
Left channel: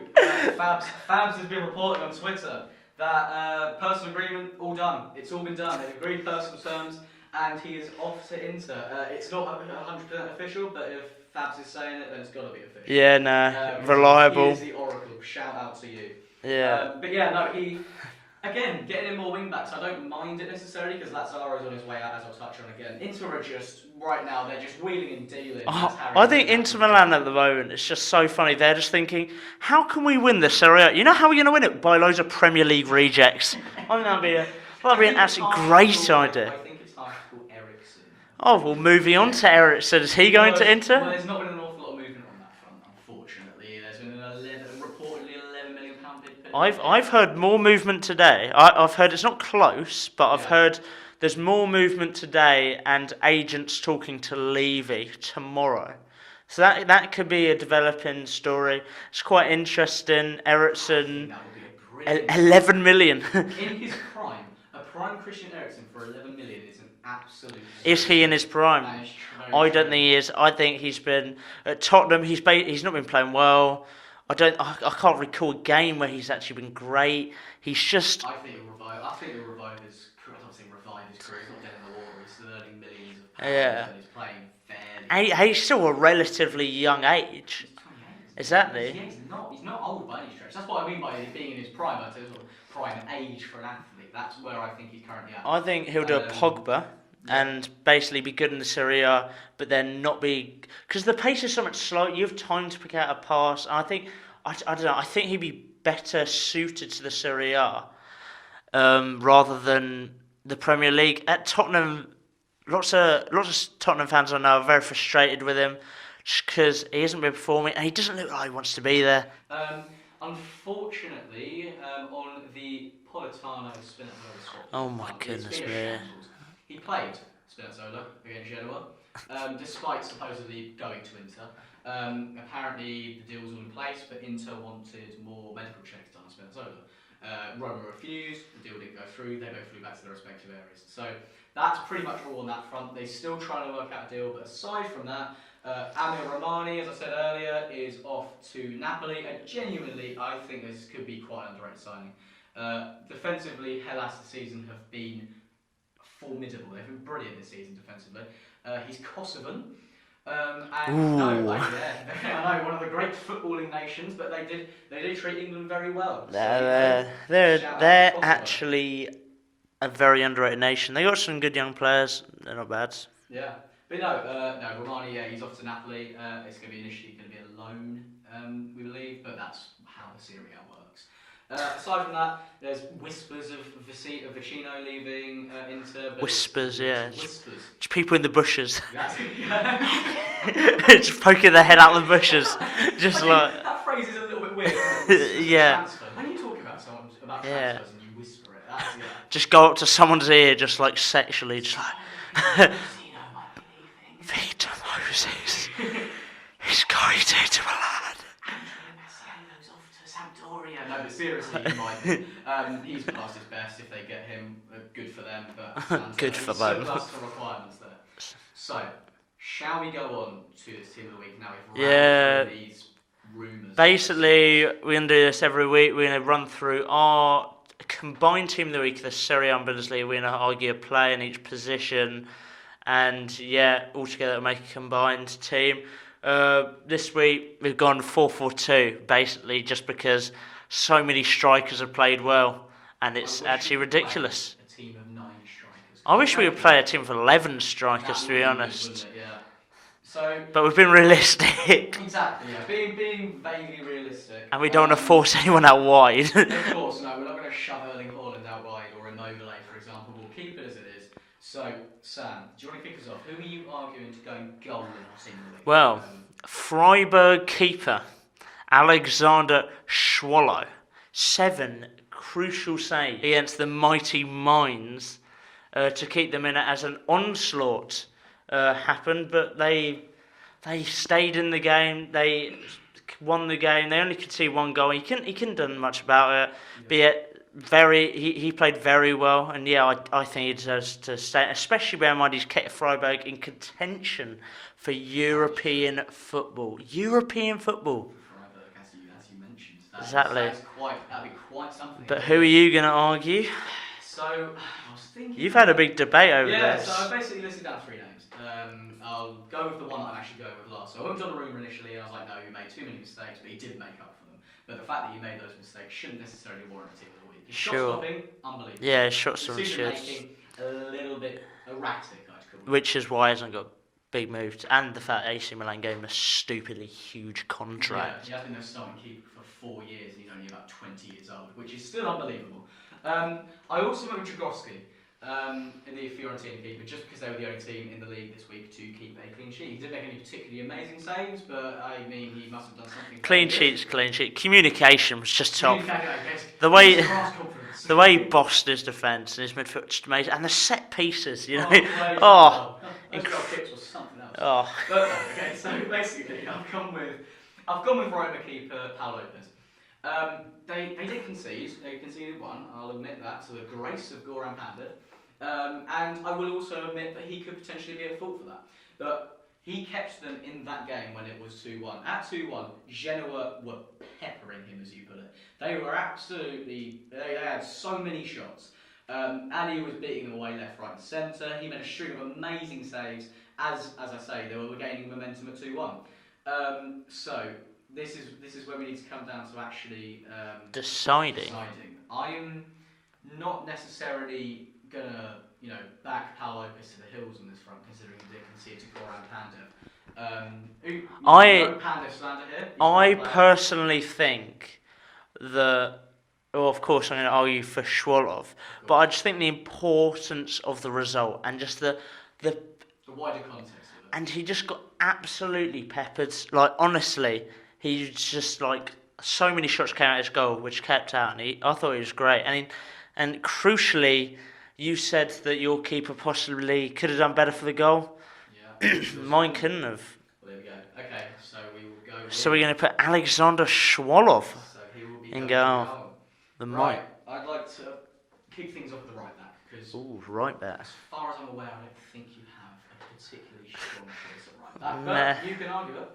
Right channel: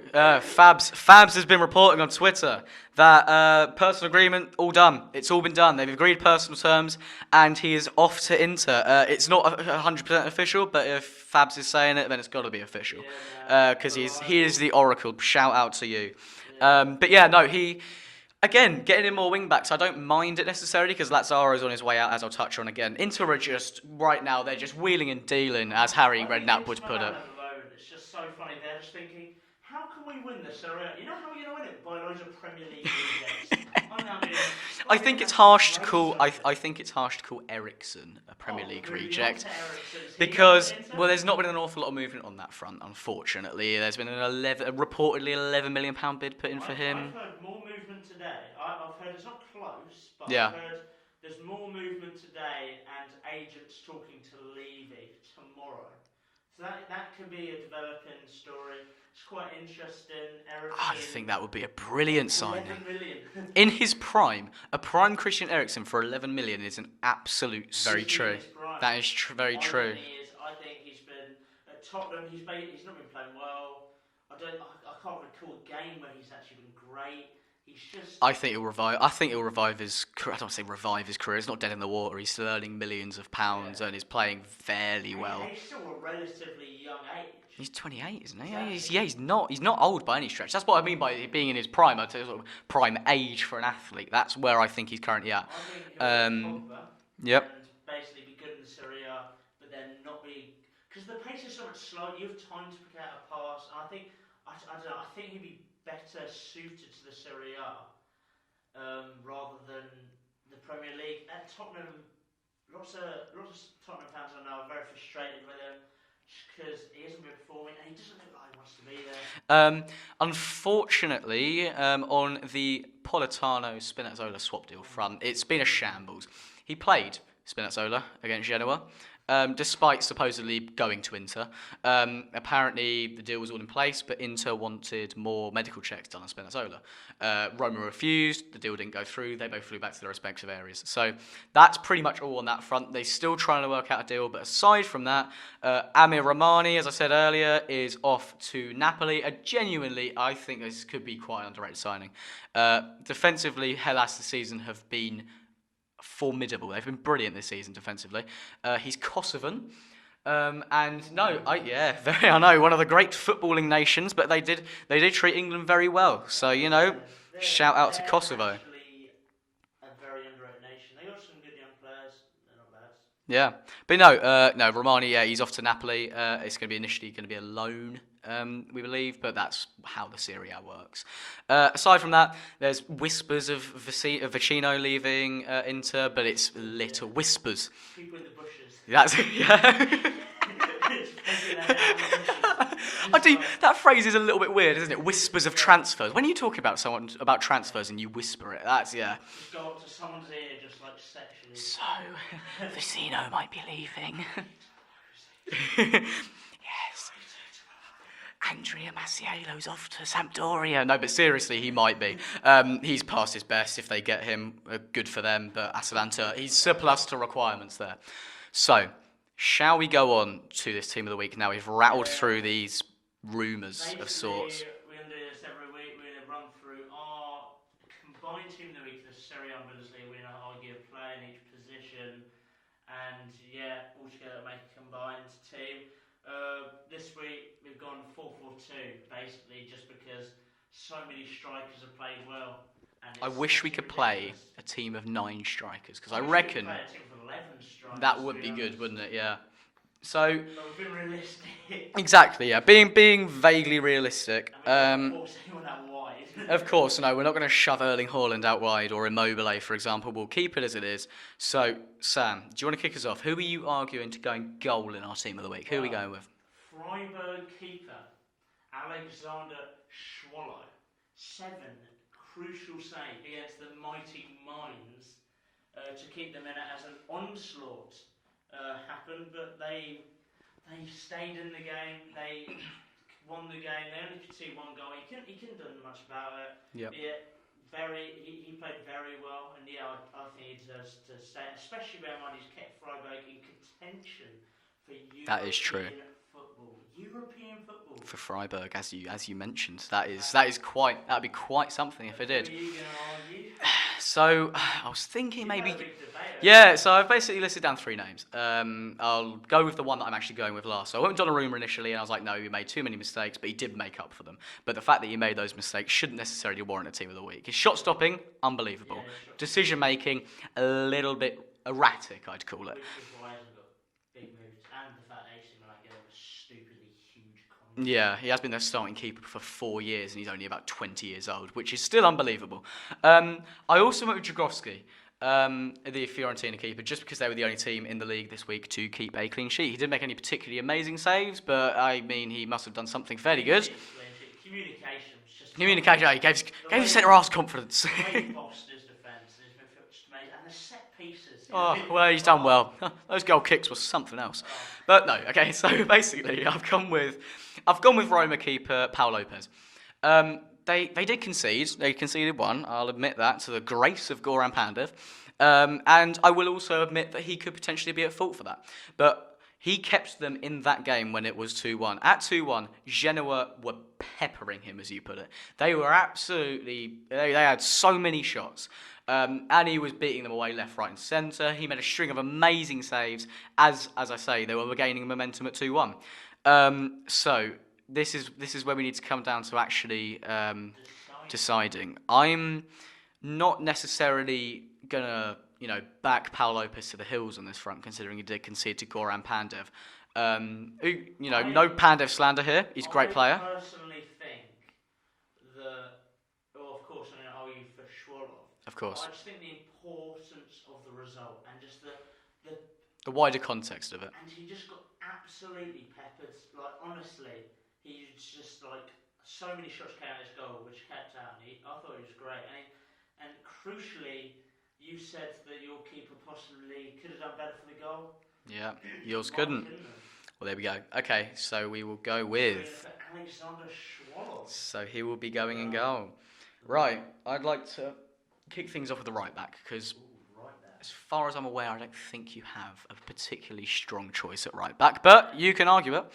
Fabs has been reporting on Twitter that personal agreement all done. It's all been done. They've agreed personal terms, and he is off to Inter. It's not 100% official, but if Fabs is saying it, then it's got to be official. Yeah, no, 'cause reliable. he is the oracle. Shout out to you. Yeah. But yeah, no, he. Again, getting in more wing backs, I don't mind it necessarily because Lazzaro's on his way out, as I'll touch on again. Inter are just, right now, they're just wheeling and dealing, as Harry I think Redknapp Inter would Milan put it. at the moment, it's just so funny. They're just thinking, how can we win the Serie A? You know how we're going to win it? By loads of Premier League rejects. I think that'd be an absolutely great idea. I think it's harsh to call Ericsson. Oh, well, moving on to Ericsson. Is he going to Inter? Well, there's not been an awful lot of movement on that front, unfortunately. There's been reportedly £11 million bid put in for him. I've heard more movement today. I've heard it's not close, but Yeah. I've heard there's more movement today and agents talking to Levy tomorrow. So that could be a developing story. It's quite interesting. I Ericsson, think that would be a brilliant signing. 11 million. In his prime, a prime Christian Eriksen for 11 million is an absolute. Is he in his prime? That is very true. I don't think he is. I think he's been at Tottenham. He's not been playing well. I can't recall a game where he's actually been great. He's just. I think he'll revive his career. I don't want to say revive his career. He's not dead in the water. He's still earning millions of pounds and he's playing fairly well. He's still a relatively young age. He's 28, isn't he? Exactly. He's not old by any stretch. That's what I mean by being in his prime. I'd say sort of prime age for an athlete. That's where I think he's currently at. I think he'll do a Pogba and basically be good in the Serie A, but then not be, because the pace is so much slower. You have time to pick out a pass. And I don't know. I think he'd be better suited to the Serie A rather than the Premier League. At Tottenham, lots of Tottenham fans I know are very frustrated with him just because he hasn't been performing and he doesn't look like he wants to be there. Unfortunately, on the Politano-Spinazzola swap deal front, it's been a shambles. He played Spinazzola against Genoa, despite supposedly going to Inter. Apparently, the deal was all in place, but Inter wanted more medical checks done on Spinazzola. Roma refused, the deal didn't go through, they both flew back to their respective areas. So that's pretty much all on that front. They're still trying to work out a deal, but aside from that, Amir Rahmani, as I said earlier, is off to Napoli. Genuinely, I think this could be quite an underrated signing. Defensively, Hellas this season have been formidable. They've been brilliant this season defensively. He's Kosovan. I know, one of the great footballing nations, but they did treat England very well. So shout out to Kosovo. They're actually a very underrated nation. They got some good young players. They're not bad. Yeah, but no, Romani. Yeah, he's off to Napoli. It's going to be initially a loan, we believe, but that's how the Serie A works. Aside from that, there's whispers of Vecino leaving Inter, but whispers. Whispers. Just people in the bushes. That's just poking their head out of the bushes. That phrase is a little bit weird, isn't it? Whispers of transfers. When you talk about someone about transfers and you whisper it, that's Just go up to someone's ear, just like sexually. Just Vecino might be leaving. Victor Moses is going to Milan. Andrea Masiello's off to Sampdoria. No, but seriously, he might be. He's past his best. If they get him, good for them. But Atalanta, he's surplus to requirements there. So, shall we go on to this team of the week now? We've rattled through these rumours. Basically, we're going to do this every week. We're going to run through our combined team of the week, the Serie A and Bundesliga. We're going to argue a player in each position. And, altogether make a combined team. This week we've gone 4-4-2, basically just because so many strikers have played well, and it's actually ridiculous. A team of 9 strikers. I wish we could play a team of 11 strikers. That to would be honest, good, wouldn't it? Yeah. So, but we've been realistic. Exactly, yeah. Being vaguely realistic. And we don't want to force anyone out wide. Of course, no. We're not going to shove Erling Haland out wide or Immobile, for example. We'll keep it as it is. So, Sam, do you want to kick us off? Who are you arguing to go goal in our team of the week? Well, who are you going with? Freiburg keeper Alexander Schwolow. 7 crucial saves against the mighty Mainz to keep them in it as an onslaught happened, but they stayed in the game. They won the game. They only could see one goal. He couldn't have done much about it. Yep. But yet, he played very well, and I think he deserves to stay, especially bear in mind he's kept Freiburg in contention for European football. European football for Freiburg, as you mentioned, that'd be quite something. But who are you going to argue? So I was thinking you've had a big debate over this. Yeah, so I've basically listed down 3 names. I'll go with the one that I'm actually going with last. So I went with Donnarumma initially, and I was like, no, he made too many mistakes, but he did make up for them. But the fact that he made those mistakes shouldn't necessarily warrant a team of the week. His shot stopping, unbelievable. Yeah, shot stopping. Decision making, a little bit erratic, I'd call it. Which is why he hasn't got big moves, and the fact AC Milan gave him a stupidly huge contract. Yeah, he has been their starting keeper for 4 years, and he's only about 20 years old, which is still unbelievable. I also went with Jagroski. the Fiorentina keeper, just because they were the only team in the league this week to keep a clean sheet. He didn't make any particularly amazing saves, but I mean, he must have done something fairly good. Clean sheet. Communication was just top. He gave The way centre-half's confidence. The way he bossed his defence and his midfield just amazing, and the set pieces, you know. Well, he's done well. Those goal kicks was something else. Oh. But no, okay. So basically, I've gone with Roma keeper Paul Lopez. They did concede. They conceded one. I'll admit that, to the grace of Goran Pandev. And I will also admit that he could potentially be at fault for that. But he kept them in that game when it was 2-1. At 2-1, Genoa were peppering him, as you put it. They were absolutely... They had so many shots. And he was beating them away left, right and centre. He made a string of amazing saves. As I say, they were gaining momentum at 2-1. So... This is where we need to come down to actually deciding. I'm not necessarily gonna back Paul Lopez to the hills on this front, considering he did concede to Goran Pandev. No Pandev slander here. He's a great player. I personally think that. Well, of course, I'm going to argue for Schwolov, but I just think the importance of the result and just the wider context of it. And he just got absolutely peppered. Like honestly. He just so many shots came out his goal, which kept out, and I thought he was great. And crucially, you said that your keeper possibly could have done better for the goal. Yeah, mine couldn't have. Well, there we go. Okay, so we will go with. So we're going to put Alexander Schwolov. So he will be going in goal. Right, I'd like to kick things off with the right back because. Right back. As far as I'm aware, I don't think you have a particularly strong choice at right back, but you can argue it.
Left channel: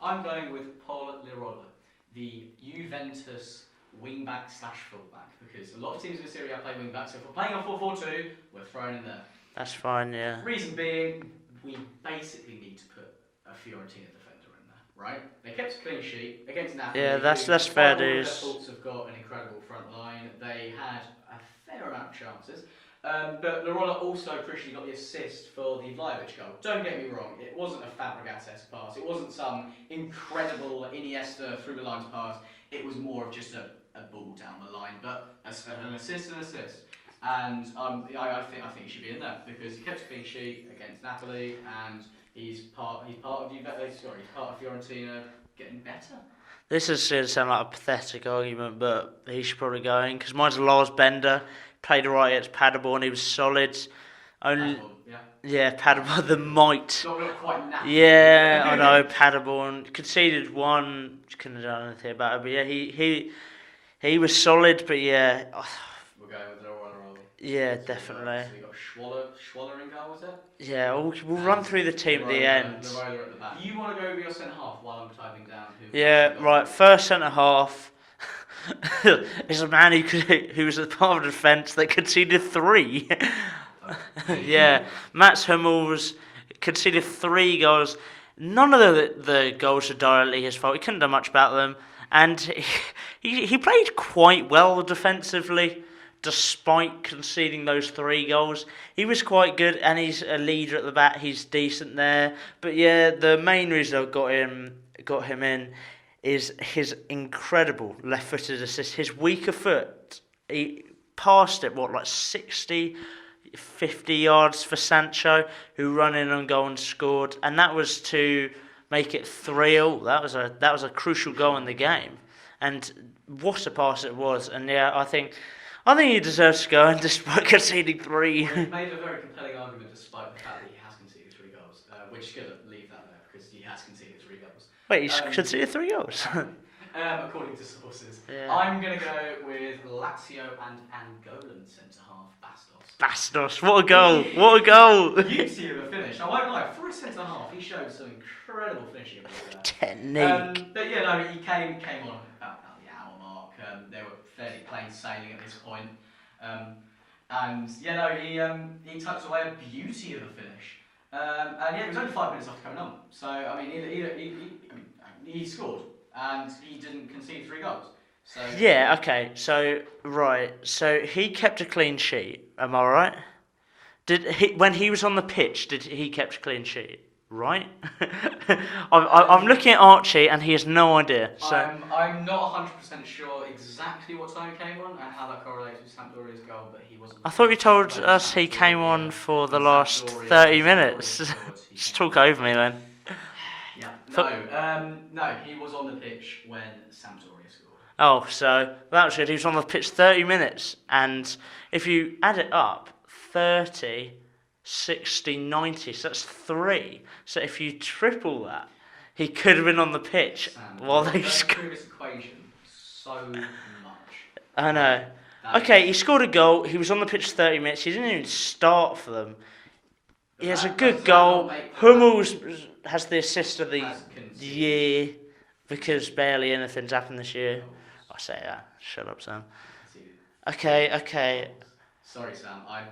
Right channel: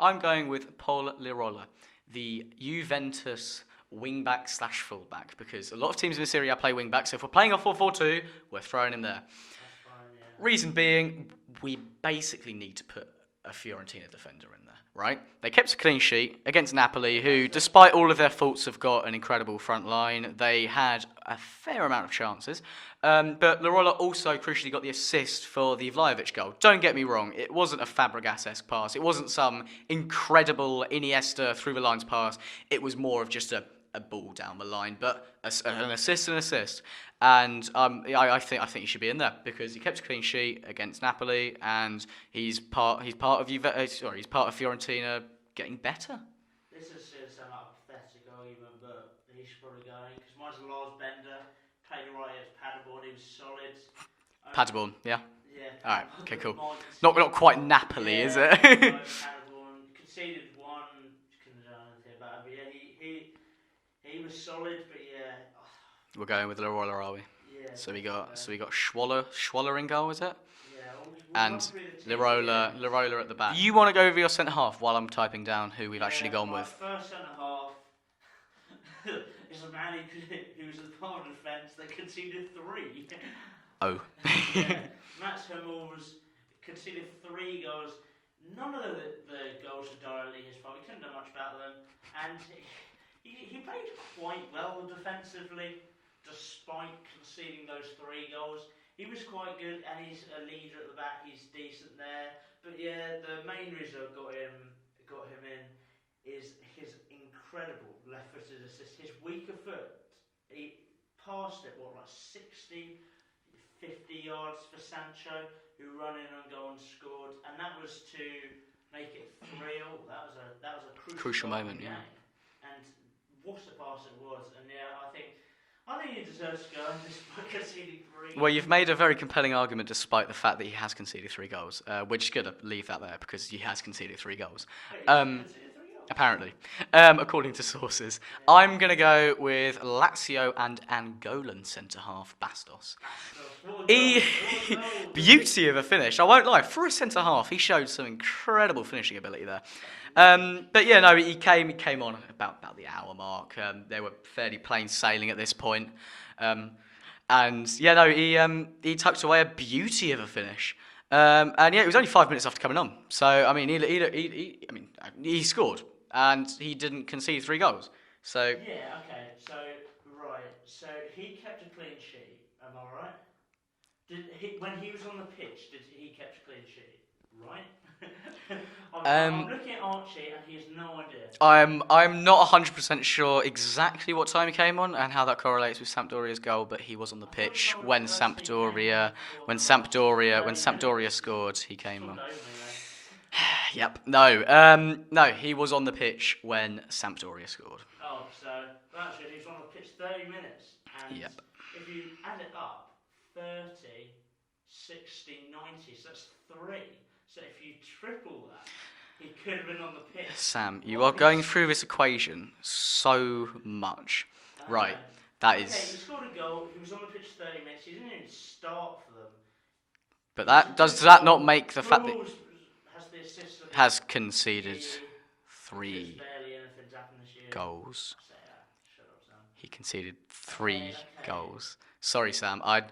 I'm going with Paul Lirola, the Juventus wing-back / full-back, because a lot of teams in the Serie A play wing-back, so if we're playing a 4-4-2, we're throwing him there. That's fine, yeah. Reason being, we basically need to put a Fiorentina defender in there, right? They kept a clean sheet against Napoli, who, despite all of their faults, have got an incredible front line. They had a fair amount of chances. But Lirola also crucially got the assist for the Vlahovic goal. Don't get me wrong, it wasn't a Fabregas-esque pass. It wasn't some incredible Iniesta through the lines pass. It was more of just a ball down the line, but an assist. And I think he should be in there because he kept a clean sheet against Napoli, and he's part of Fiorentina getting better. This is going to sound like a pathetic argument, but he should probably go in because mine's Lars Bender. Played right against Paderborn, he was solid. Paderborn, yeah? Yeah, Paderborn, the cool. might. Not quite Napoli, yeah, is it? I know, Paderborn. Conceded one, couldn't have done anything about it, but yeah, he was solid, but yeah. We're going with Lirola, are we? Yeah, definitely. So we got Schwaller in goal, is it? Yeah, we'll run through the team at the end. Lirola at the back. You want to go over your centre-half while I'm typing down who we've actually gone with? Yeah, right, first centre-half. Is a man who was a part of the defence that conceded 3. Oh. Yeah, Mats Hummels conceded 3 goals. None of the goals are directly his fault. He couldn't do much about them. And he played quite well defensively, despite conceding those 3 goals. He was quite good, and he's a leader at the back. He's decent there. But yeah, the main reason I got him in is his incredible left-footed assist. His weaker foot, he passed it, 60, 50 yards for Sancho, who ran in on goal and scored. And that was to make it 3-0. That was a crucial goal in the game. And what a pass it was. And yeah, I think he deserves to go in despite conceding 3. Well, you've made a very compelling argument despite the fact that he has conceded 3 goals. We're just going to leave that there because he has conceded 3 goals. Wait, he's conceded 3 goals? Apparently. According to sources. Yeah. I'm going to go with Lazio and Angolan centre-half Bastos. Bastos, what a goal. What a goal. Beauty of a finish. I won't lie. For a centre-half, he showed some incredible finishing ability there. Technique. But yeah, no, he came on about the hour mark. They were fairly plain sailing at this point. And yeah, no, he tucked away a beauty of a finish. And yeah, it was only 5 minutes after coming on. So I mean, he scored and he didn't concede 3 goals. So yeah, okay. So right, so he kept a clean sheet. Am I right? Did he when he was on the pitch? Did he kept a clean sheet? right? I'm looking at Archie, and he has no idea. So. I'm not 100% sure exactly what time he came on and how that correlates with Sampdoria's goal, but he was on the pitch. I thought you told when us he came on for the last 30 when minutes. Sampdoria scored, he Just came talk on. over me then. Yep. No, he was on the pitch when Sampdoria scored. Oh, so that was good. He was on the pitch 30 minutes, and if you add it up, 30, 60, 90, so that's 3. So if you triple that, he could have been on the pitch. Sam, you are going through this equation so much. I know. Right. He scored a goal. He was on the pitch 30 minutes. He didn't even start for them. But he has a good does that not make the Hummels has the assist of the has conceded year because barely anything's happened this year. Goals. I say that. Shut up, Sam. He conceded 3 Okay. goals. Sorry, Sam. I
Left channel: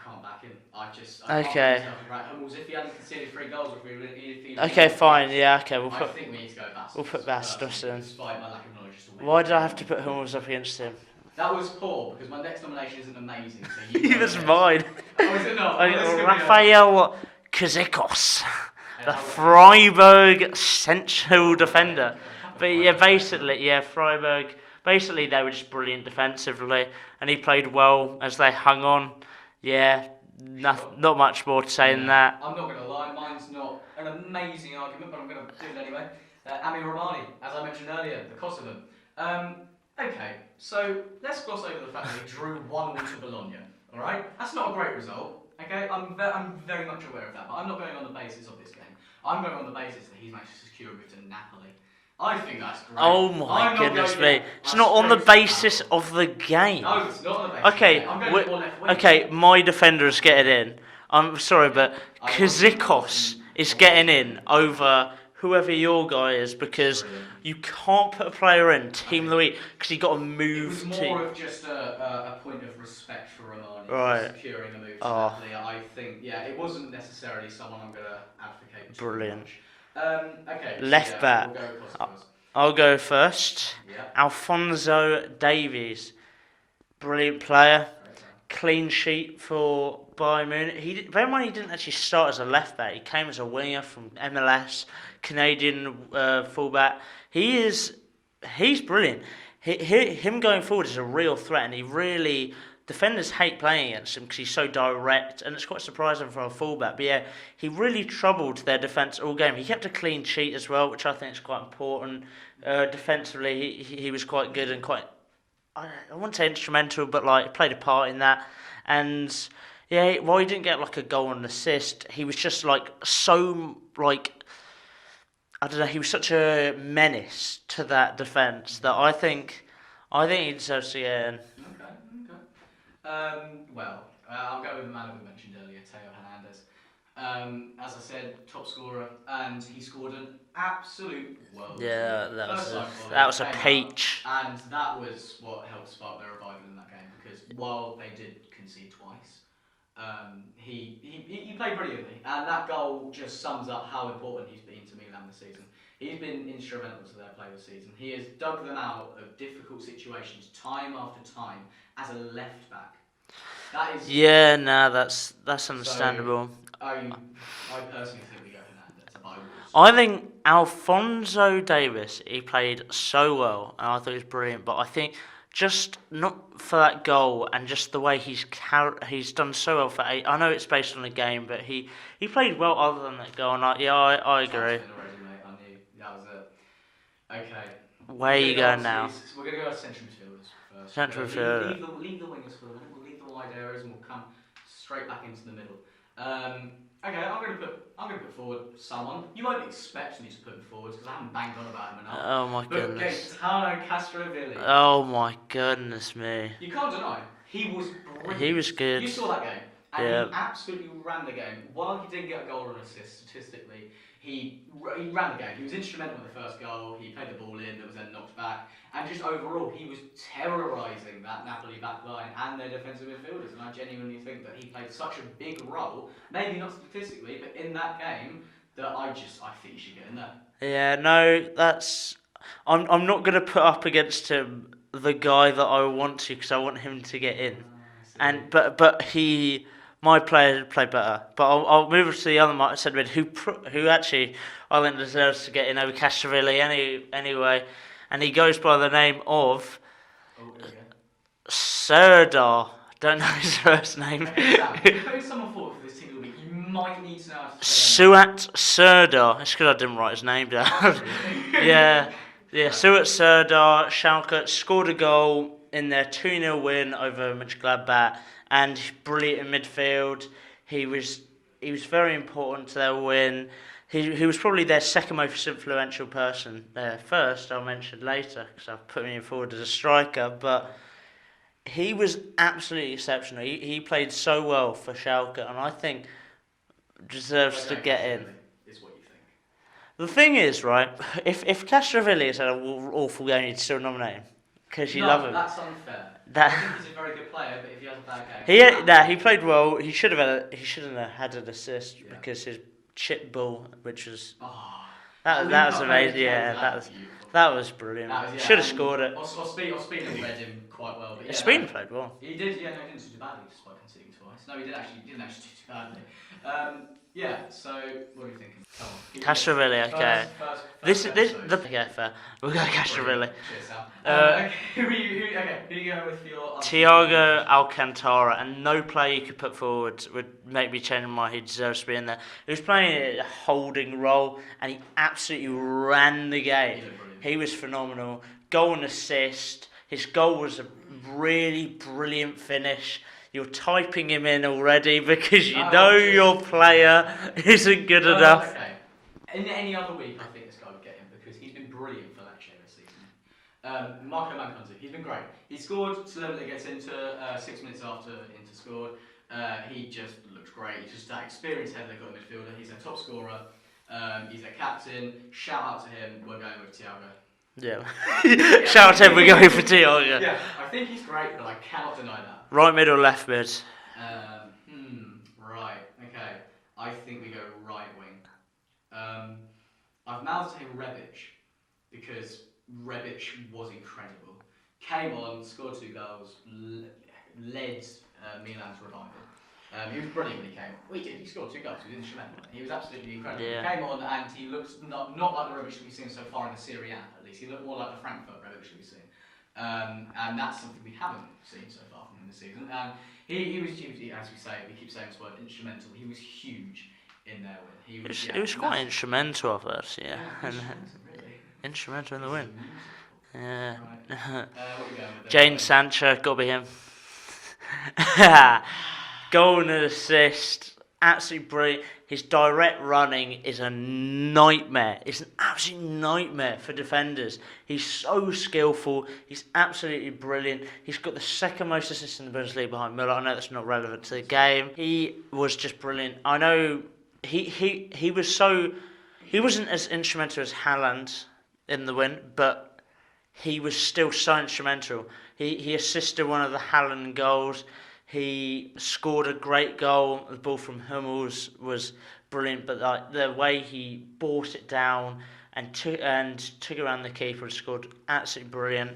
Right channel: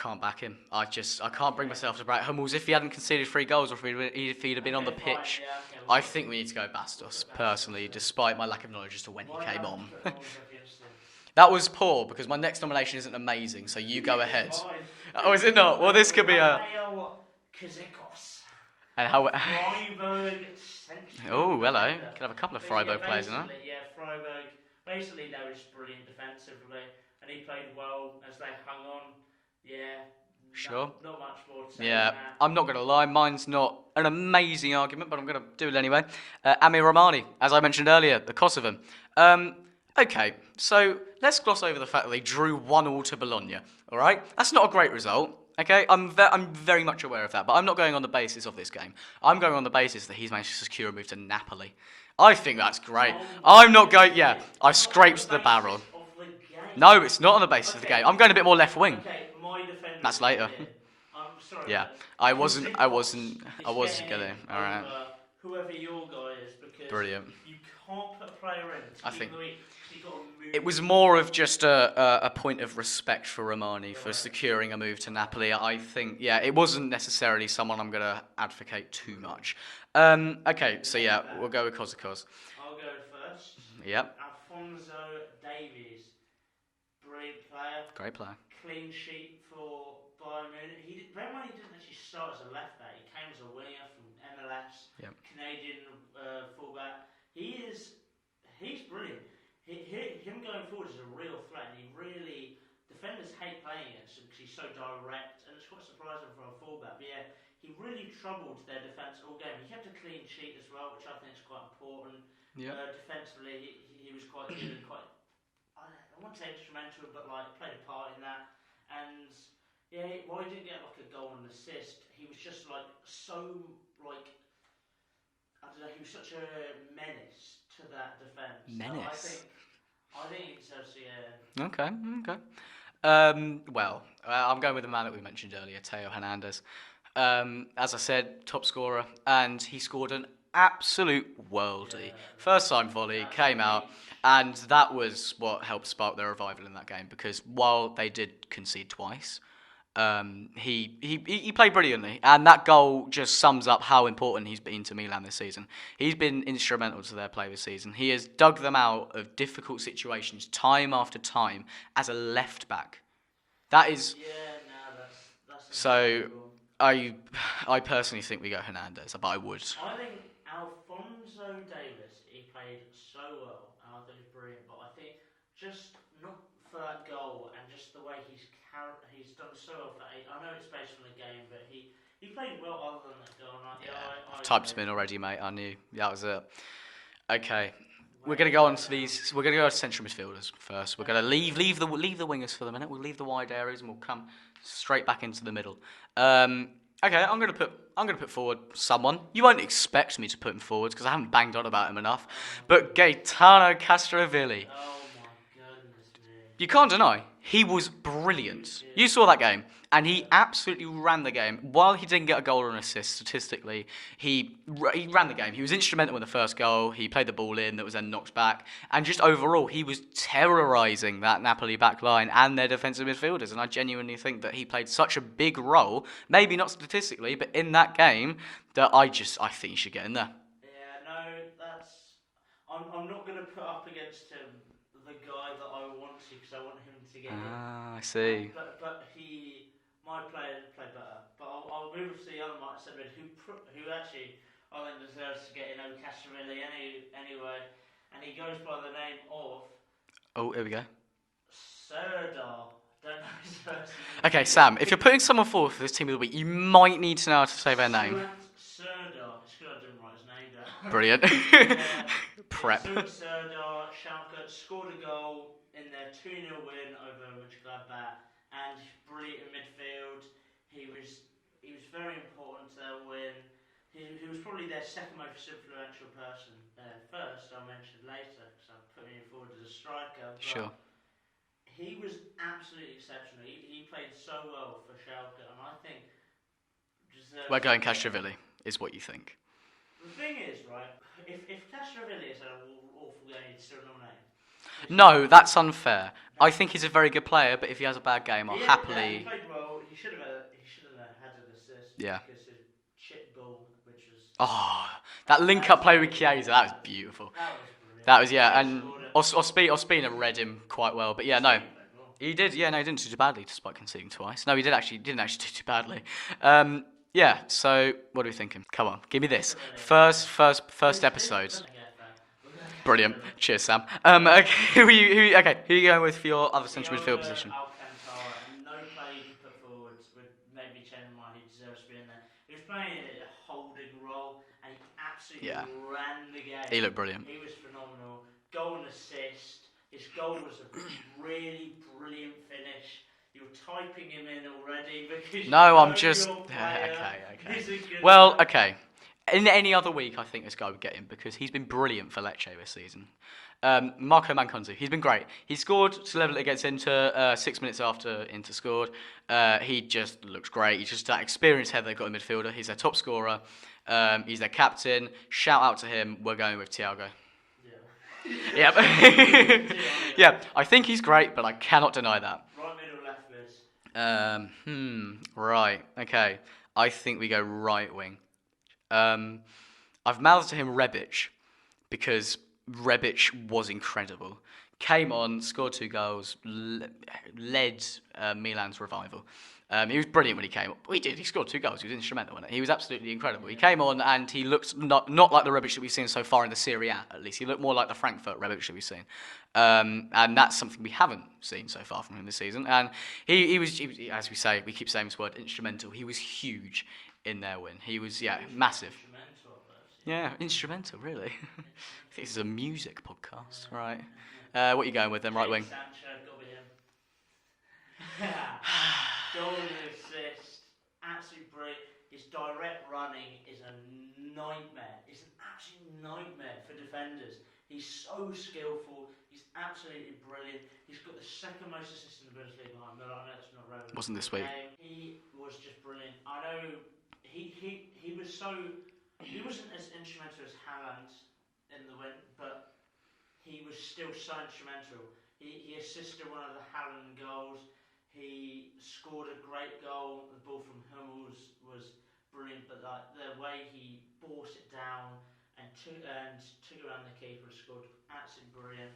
can't back him. I can't bring myself to back Hummels if he hadn't conceded 3 goals or if he'd have been on the fine. pitch. Yeah, okay. I think we need to go Bastos. We'll put Bastos personally, in. despite my lack of knowledge as to when. Why did I have to put Hummels up against him? That was poor because my next nomination isn't amazing. So you go That's ahead. mine. Oh, is it not? Well, this could be Rafael Kazikos, the how- Freiburg central Ooh, defender. hello. Could have a couple of But Freiburg yeah, players, basically, Freiburg. Basically, they were just brilliant defensively, and he played well as they hung on. Yeah, Sure. not much more to say than that. I'm not going to lie, mine's not an amazing argument, but I'm going to do it anyway. Amir Rahmani, as I mentioned earlier, the Kosovan. Okay, so let's gloss over the fact that they drew 1-1 to Bologna. All right, that's not a great result. Okay, I'm very much aware of that, but I'm not going on the basis of this game. I'm going on the basis that he's managed to secure a move to Napoli. I think that's great. Oh my I'm not going. goodness me. Yeah, It's not on the basis of the game. No, it's not on the basis of the Okay, game. I'm going a bit more left wing. Okay, my defender is That's getting later. in. I'm sorry, Yeah, but I wasn't is getting getting in in. over whoever your guy is because Brilliant. you can't put a player in Team of the Week because he got a move. It was more of just a point of respect for Romani for securing a move to Napoli. I think, it wasn't necessarily someone I'm going to advocate too much. Okay, so Left back. we'll go with Kosikos. I'll go first. Yep. Alphonso Davies, brilliant player. Great player. Clean sheet for Bayern Munich. Bear in mind he didn't actually start as a left back. He came as a winger from MLS, Canadian fullback. He's brilliant. Him going forward is a real threat, and he really. Defenders hate playing against him because he's so direct, and it's quite surprising for a fullback. But yeah, he really troubled their defence all game. He kept a clean sheet as well, which I think is quite important. Defensively, he was quite good and quite, I wouldn't say instrumental, but like played a part in that. And yeah, while he didn't get like a goal and assist, he was just like so like. I don't know. He was such a menace to that defence that I think he deserves to get in. Okay. I'm going with the man that we mentioned earlier, Teo Hernandez. As I said, top scorer, and he scored an absolute worldie. Yeah, First time volley, that was came a peach. out, and that was what helped spark their revival in that game. Because while they did concede twice, he played brilliantly, and that goal just sums up how important he's been to Milan this season. He's been instrumental to their play this season. He has dug them out of difficult situations time after time as a left back. That is that's understandable. I personally think we go Hernandez, but I would. I think Alphonso Davies, he played so well, and I thought he was brilliant. But I think just not for that goal and just the way he's done so well for 8. I know it's based on a game, but he played well other than that goal. And I agree. Typed him in already, mate. I knew that was it. Okay. Where are you going now? We're going to go to central midfielders first. We're going to leave the wingers for the minute. We'll leave the wide areas and we'll come straight back into the middle. Okay, I'm going to put forward someone. You won't expect me to put him forward because I haven't banged on about him enough. Oh my But goodness. Gaetano Castrovilli. Oh my goodness me. You can't deny he was brilliant. He was good. You saw that game. And he Yeah. absolutely ran the game. While he didn't get a goal or an assist, statistically, he ran the game. He was instrumental in the first goal. He played the ball in that was then knocked back. And just overall, he was terrorising that Napoli back line and their defensive midfielders. And I genuinely think that he played such a big role, maybe not statistically, but in that game, that I think he should get in there. Yeah, no, I'm not going to put up against him the guy that I want to because I want him to get in. I see. And but my player played better. But I'll move on to the other centre mid who actually I think deserves to get in over Castrovilli anyway, and he goes by the name of Oh, here we go. Serdar. Don't know his first name. Okay, Sam, if you're putting someone forward for this team of the week, you might need to know how to say their name. Suat Serdar. It's because I didn't write his name down. Brilliant. Yeah. Prep. Suat Serdar, Schalke scored a goal in their 2-0 win over Mönchengladbach, and brilliant in midfield. He was very important to their win. He was probably their second most influential person. First, I'll mention later, because I've put him forward as a striker, but... Sure. He was absolutely exceptional. He played so well for Schalke, and I think deserves to get in. Is what you think. The thing is, right, if Castrovilli has had an awful game, you'd still nominate him. No, that's unfair. I think he's a very good player, but if he has a bad game... He played well. He shouldn't have had an assist because his chip ball, which was... Oh... That link-up play with Chiesa, that was beautiful. That was brilliant. That was, yeah. Should have scored it. Ospina read him quite well, but yeah, Ospina played well. He did, yeah, no, he didn't do too badly despite conceding twice. No, he didn't actually do too badly. Yeah, so what are we thinking? Come on, give me this. First episode. Yeah, fair. We'll go Brilliant. Cheers, Sam. Okay, who are you going with for your other Thiago Alcantara, and no player you could put forward would make me change my mind. He deserves to be in there. He was playing a holding role, and he absolutely ran the game. He looked brilliant. He was phenomenal. Goal and assist. His goal was a really brilliant finish. You're typing him in already because your player isn't good enough. Well, okay. In any other week, I think this guy would get him because he's been brilliant for Lecce this season. Marco Manconzu, he's been great. He scored to level it against Inter 6 minutes after Inter scored. He just looks great. He's just that experienced head they've got in midfielder. He's their top scorer. He's their captain. Shout out to him. We're going with Thiago. Yeah. Shout out to him, we're going for Thiago. Yeah, I think he's great, but I cannot deny that. Right mid or left mid? Right. Okay. I think we go right wing. I've mouthed to him Rebic because Rebic was incredible. Came on, scored 2 goals, led Milan's revival. He was brilliant when he came on. He scored 2 goals. He was instrumental in it. He was absolutely incredible. Yeah. He came on and he looked not like the Rebic that we've seen so far in the Serie A, at least. He looked more like the Frankfurt Rebic that we've seen. And that's something we haven't seen so far from him this season. And he was, as we keep saying this word, instrumental. He was huge in their win. He was massive. Quite instrumental of us, yeah. Instrumental, really. Instrumental in the win. It's a music podcast, right? What are you going with then? Jadon Sancho, got to be him. Goal and assist, absolutely brilliant. His direct running is a nightmare. It's an absolute nightmare for defenders. He's so skillful. He's absolutely brilliant. He's got the second most assists in the Bundesliga behind Müller. I know that's not relevant to the game. He was just brilliant. I know he wasn't as instrumental as Haland in the win, but he was still so instrumental. He assisted one of the Haland goals. He scored a great goal. The ball from Hummels was brilliant, but the way he brought it down and took around the keeper and scored, absolutely brilliant.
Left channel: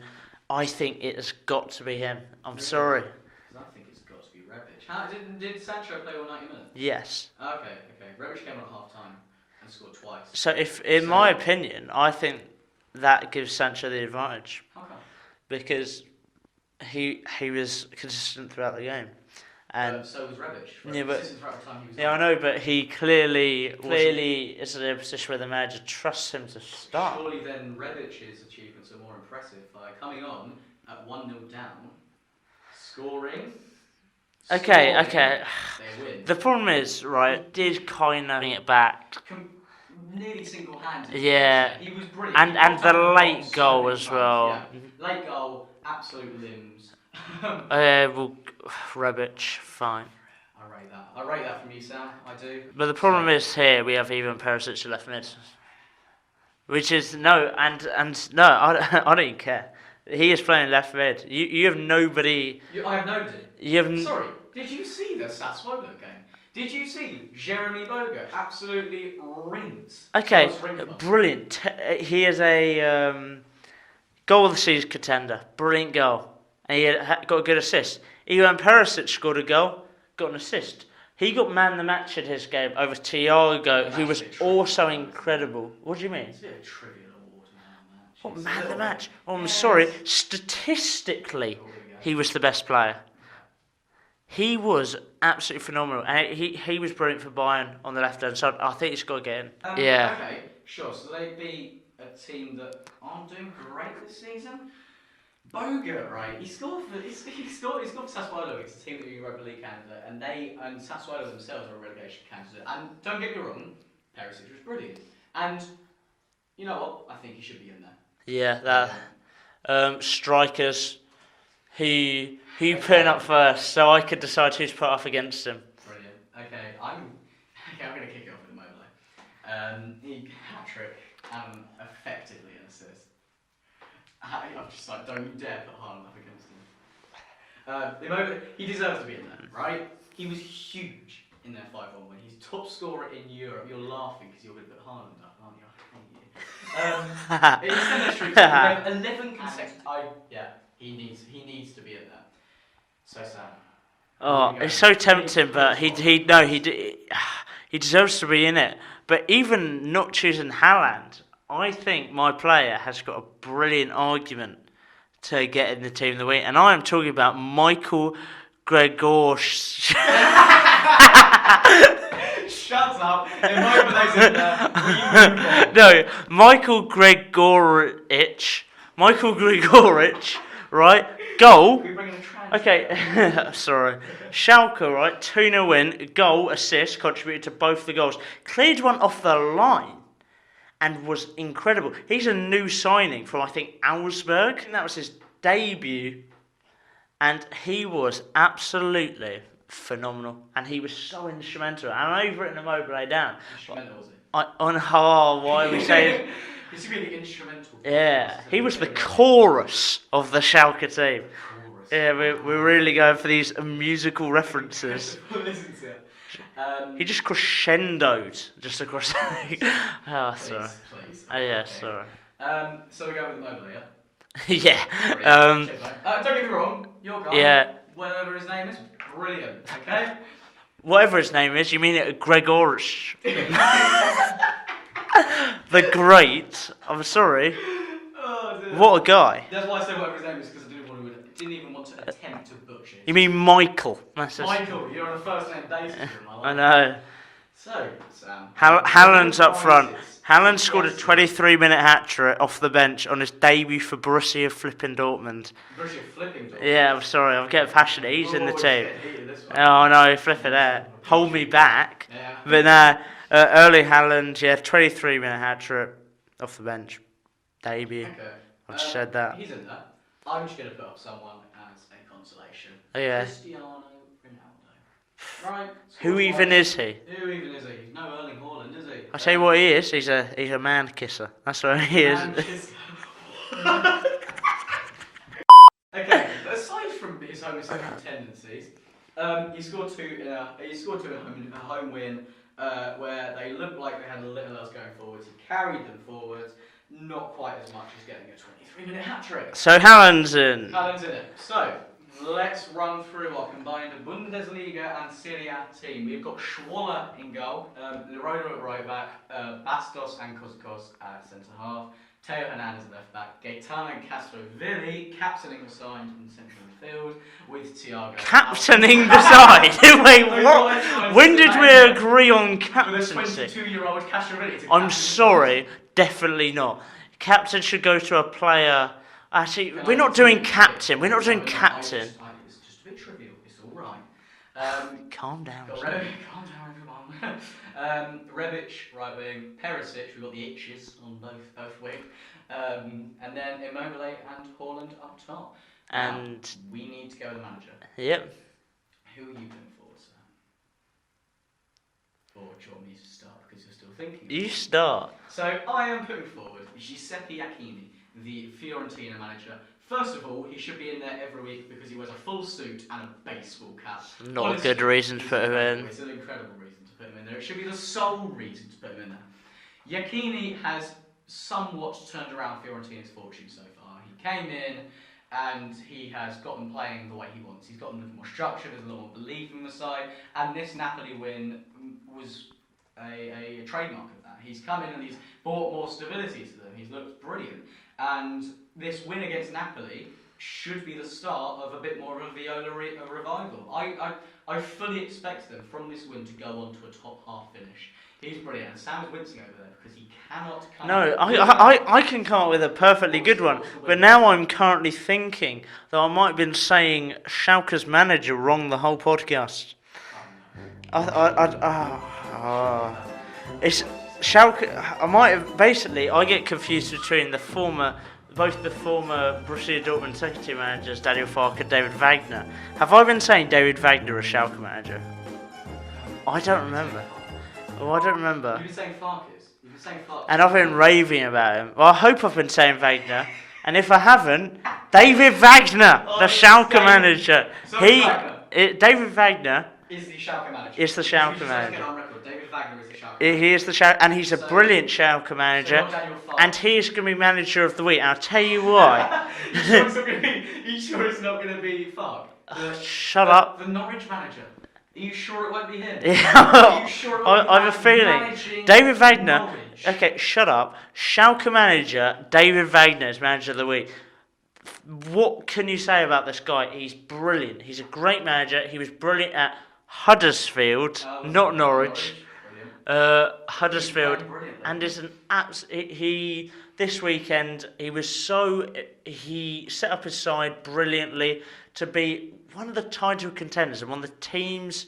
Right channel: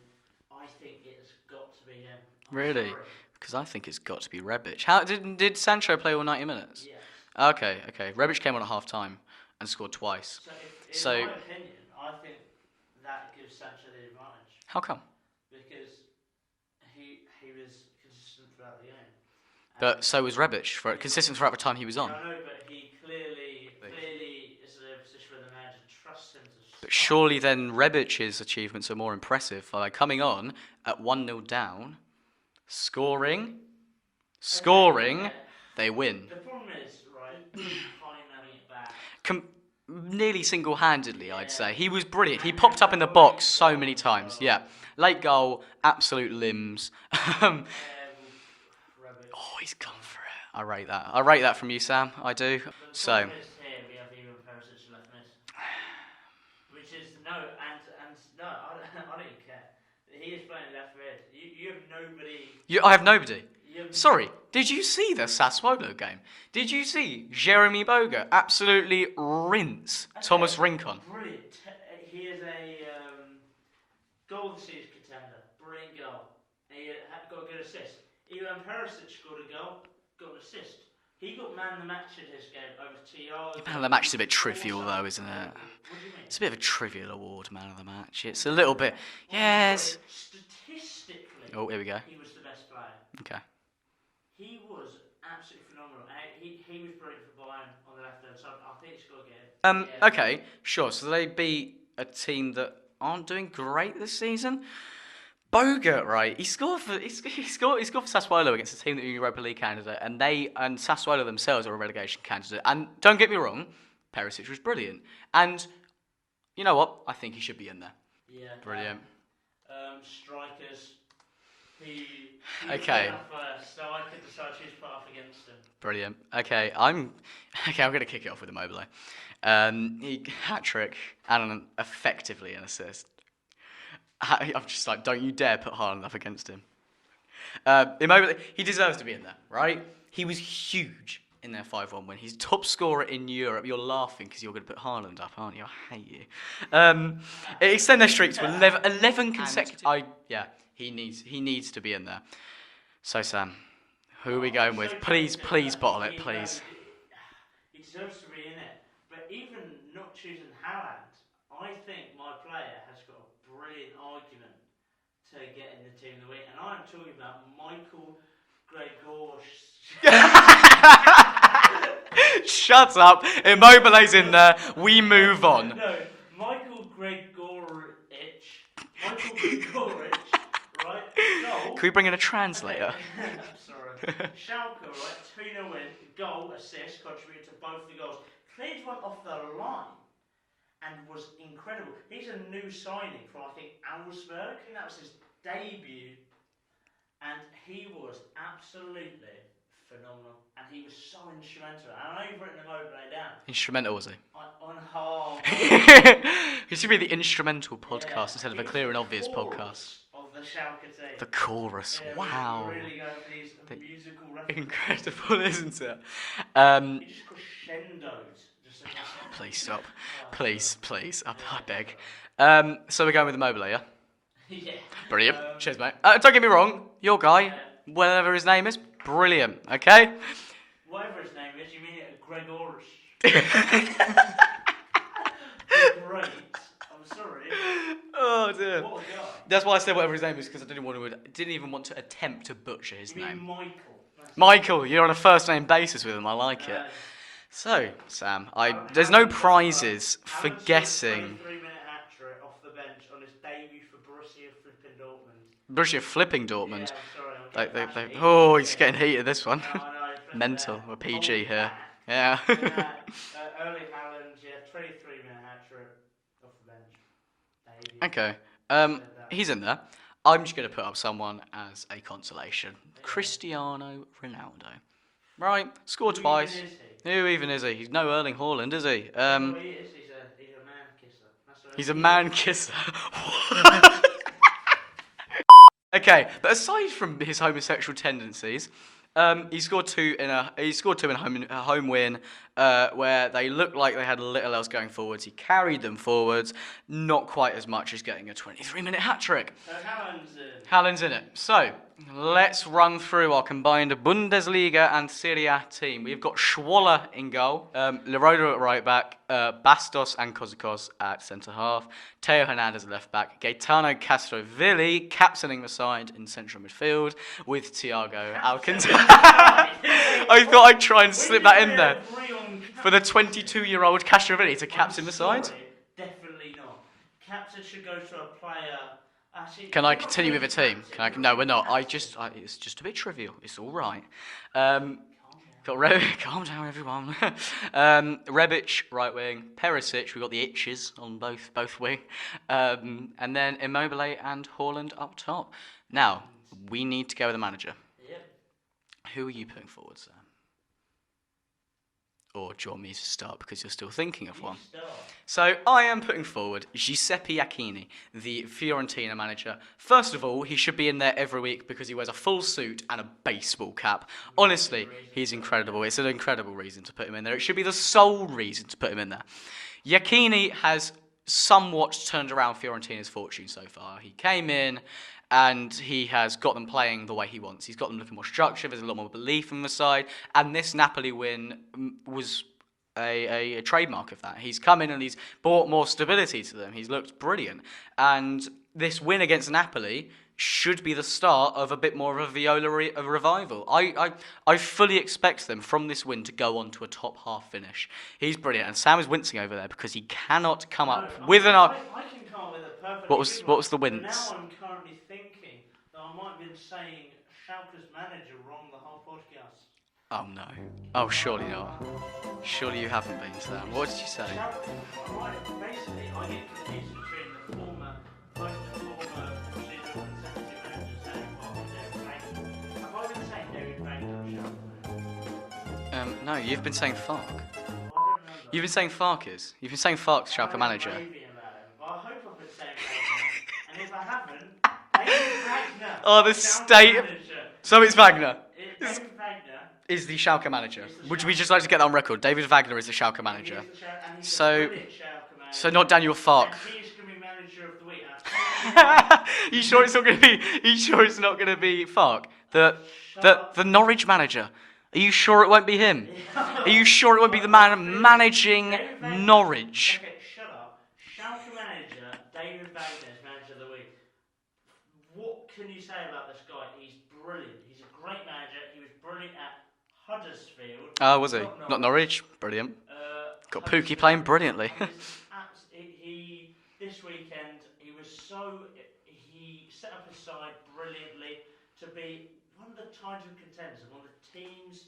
I think it has got to be him. I'm sorry. Because I think it's got to be Rebic. How did Sancho play all 90 minutes? Yes. Okay. Rebic came on at half time and scored twice. So in my opinion, I think that gives Sancho the advantage. How come? Because he was consistent throughout the game. But so was Rebic, consistent throughout the time he was on. Yeah, I know, but he clearly is in a position where the manager trusts him to start. But surely then Rebic's achievements are more impressive. Like coming on at 1-0 down, scoring, they win. The problem is, right, did kind of bring it back. Nearly single-handed. Yeah. He was brilliant. He popped up in the box so many times. Well. Yeah. Late goal, absolute limbs. Rebic, he's fine. I rate that. I rate that from you, Sam. I do. But the problem is here we have Ivan Perisic left mid, which is no, I don't even care. He is playing left mid. You have nobody. I have nobody. Sorry. Did you see the Sassuolo game? Did you see Jeremy Boga absolutely rinse Thomas Rincon? Brilliant. He is a goal of the season contender. Brilliant goal. And he got a good assist. Ivan Perisic scored a goal, got an assist. He got man of the match in his game over Thiago, match who is a was bit trivial, also though, isn't it? incredible. What do you mean? It's a bit of a trivial award, man of the match. It's a Man little of the bit. match? Oh, I'm Yes. sorry. Statistically, Oh, here we go. he was the best player. Okay. He was absolutely phenomenal, and he was brilliant for Bayern on the left hand side. I think he's got to get in. Yeah. Okay, sure. So they beat a team that aren't doing great this season. Bogut, right? He scored for Sassuolo against a team that are a Europa League candidate, and Sassuolo themselves are a relegation candidate. And don't get me wrong, Perisic was brilliant. And you know what? I think he should be in there. Yeah. Strikers. Who putting up first, so I could decide who's put up against him. Brilliant. Okay, I'm going to kick it off with Immobile. He hat-trick and effectively an assist. I'm just like, don't you dare put Haaland up against him. Immobile, he deserves to be in there, right? He was huge in their 5-1 win. He's top scorer in Europe. You're laughing because you're going to put Haaland up, aren't you? I hate you. Extend their streak to 11 consecutive. He needs to be in there. So Sam, who are we going it's with? so tempting, but he deserves to be in it. But even not choosing Haland, I think my player has got a brilliant argument to get in the team of the week, and I am talking about Michael Gregoric. Shut up. Immobile's in there. We move on. No, Michael Gregoric. Right, goal. Can we bring in a translator? Okay, sorry. Schalke, right, 2-0 win, goal, assist, contributed to both the goals. Cleared one off the line and was incredible. He's a new signing from, I think, Augsburg. And that was his debut. And he was absolutely phenomenal. And he was so instrumental. And I've written Immobile down. Instrumental, was he? Why? It should be the instrumental podcast. Yeah, he was the chorus of the Schalke team. The chorus. Yeah, we're really going for these musical references. Incredible, isn't it? He just crescendoed just across. Please. Sorry. So we're going with Immobile, yeah? Yeah. Brilliant. Cheers, mate. Don't get me wrong, your guy, whatever his name is, brilliant. Okay. Whatever his name is, you mean it Gregoric? The Great. I'm sorry. Oh dear. What a guy. That's why I said whatever his name is, because I didn't even want to attempt to butcher his You mean Michael? Michael, you're on a first name basis with him. I like know. it. So, Sam, Haaland's no up front. prizes Haaland for scored a guessing. 23-minute hat-trick off the bench on his debut for Borussia flipping Dortmund. Borussia flipping Dortmund. Yeah, I'm sorry, I'm getting passionate. He's in Oh, the he's team. getting heated this one. Oh no, flip it Mental. there. We're Hold PG me here. back. Yeah. But nah, Erling Haland, 23-minute hat-trick off the bench. Debut. Okay. I just said that. He's in there. I'm just going to put up someone as a consolation. Yeah. Cristiano Ronaldo. Right. Who Scored twice. even is he? Who even is he? He's no Erling Haaland, is he? I tell you what he is. He's a man kisser. That's what He's he a man is. kisser. Okay, but aside from his homosexual tendencies, he scored two in a home win where they looked like they had little else going forwards. He carried them forwards, not quite as much as getting a 23-minute hat trick. So Haaland's in. Haaland's in it. So let's run through our combined Bundesliga and Serie A team. We've got Schwaller in goal, Leroda at right back, Bastos and Kozakos at centre half, Teo Hernandez at left back, Gaetano Castrovilli captaining the side in central midfield with Thiago. Captaining the side? Wait, I thought I'd try and when slip did that in we there. agree on For captaincy? the 22-year-old Castrovilli to captain I'm the side? sorry, definitely not. Captain should go to a player. Actually, Can we're I not continue doing with the team? captain. We're not no, doing we're captain. It's just a bit trivial. It's all right. Calm down. Calm down, everyone. Rebic, right wing. Perisic, we've got the itches on both wing. And then Immobile and Haaland up top. Now, we need to go with the manager. Yep. Who are you putting forward, sir? Or do you want me to start because you're still thinking of You one? start. So I am putting forward Giuseppe Iacchini, the Fiorentina manager. First of all, he should be in there every week because he wears a full suit and a baseball cap. Not Honestly, a good reason he's to put him incredible. in. It's an incredible reason to put him in there. It should be the sole reason to put him in there. Iacchini has somewhat turned around Fiorentina's fortune so far. He came in and he has got them playing the way he wants. He's got them looking more structured. There's a lot more belief from the side, and this Napoli win was a trademark of that. He's come in and he's brought more stability to them. He's looked brilliant, and this win against Napoli should be the start of a bit more of a Viola revival. I fully expect them from this win to go on to a top half finish. He's brilliant, and Sam is wincing over there because he cannot come up with I can come up with a perfectly good one. What was the wins? But now I'm currently thinking that I might have been saying Schalke's manager wrong the whole podcast. Oh no! Surely not. Surely you haven't been. What did you say? Schalke. I might have basically. I get confused between both the former Borussia Dortmund second team managers, Daniel Farke and David Wagner. Have I been saying David Wagner as Schalke manager? I don't remember. Saying Farke. Oh, I don't remember. You've been saying Farke's. You've been saying Farke's. And I've been raving about him. Well, I hope I've been saying Wagner. And if I haven't, David Wagner, the Schalke manager. So it's Wagner. David Wagner is the Schalke manager. Is the Schalke manager. We just like to get that on record. David Wagner is the Schalke manager. He is the Schalke, and he's a brilliant Schalke manager. So not Daniel Farke. And he's going to be manager of the week. And I'll tell you what. You sure it's not going to be? You sure it's not going to be Farke? Shut up. The Norwich manager. Are you sure it won't be him? Yeah. Are you sure it won't be the man managing David Wagner, Norwich? Okay, shut up. Schalke manager, David Wagner is manager of the week. What can you say about this guy? He's brilliant. He's a great manager. He was brilliant at Huddersfield, not Norwich. Not Norwich. Brilliant. Huddersfield playing brilliantly. And is an this weekend he set up his side brilliantly to be one of the title contenders and one of the teams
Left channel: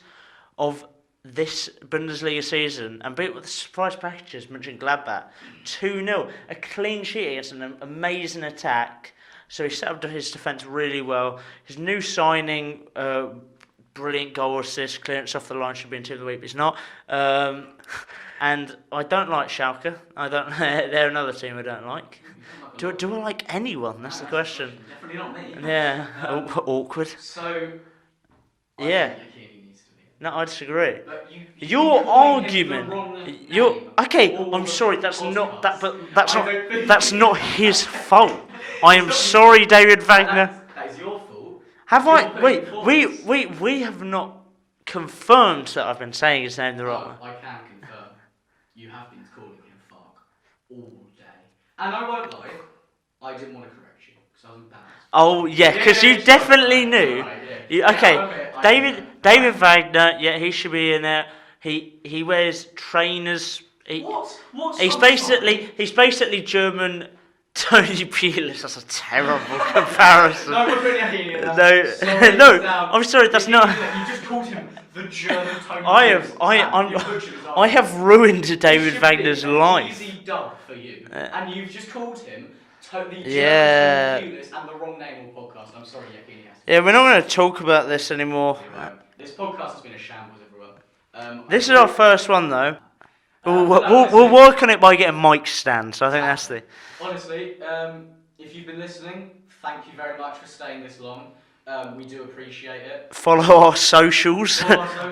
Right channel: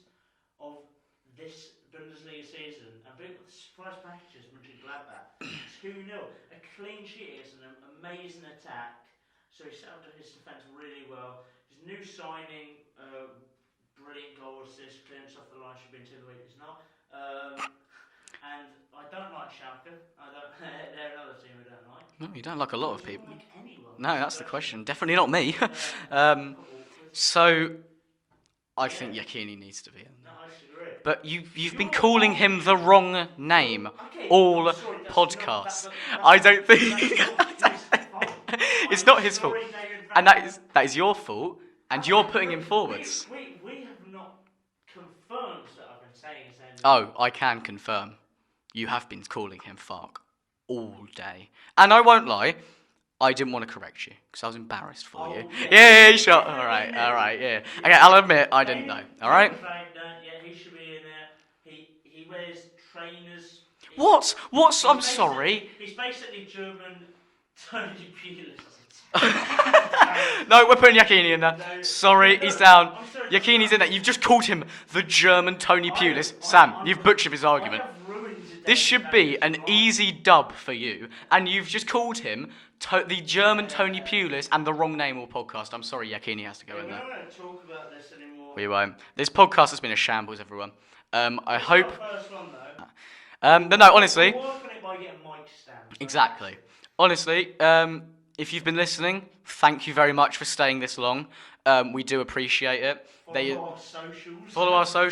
of this Bundesliga season, and beat with the surprise packages, Mönchengladbach 2-0, a clean sheet against an amazing attack. So he set up his defence really well. His new signing, brilliant goal assist, clearance off the line, should be in team of the week, but he's not. And I don't like Schalke. They're another team I don't like. No, you don't like a lot. Do I like anyone? No, that's the question. Definitely not me. Yeah. Awkward. So I think Iachini needs to be in. No, I disagree. But you've been calling him the wrong name. Okay, I'm sorry. That's not. That's think not his fault. I am sorry, David Wagner. That is your fault. Have I? Wait. We have not confirmed that I've been saying his name the wrong. Oh, I can confirm. You have been calling him Farke all day, and I won't lie. I didn't want to correct you because I was embarrassed. Because you definitely knew. All right, yeah. Okay, I'll admit. David Wagner. Yeah, he should be in there. He wears trainers. What? He's basically German. Tony Pulis. That's a terrible comparison. No, we're putting Iachini in there. No, sorry, no. he's down. I'm sorry, that's not. In there. You've just called him the German Tony Pulis. You butchered his argument. I have ruined David Wagner's life. This should be an easy dub for you, and you've just called him the German Tony Pulis and the wrong name all podcast. I'm sorry, Iachini has to go. Yeah, we're not going to talk about this anymore. We won't. This podcast has been a shambles, everyone. This is our first one, though. Honestly, we'll work on it by getting mic stands. I think that's the... Honestly, if you've been listening, thank you very much for staying this long. We do appreciate it. Follow our socials.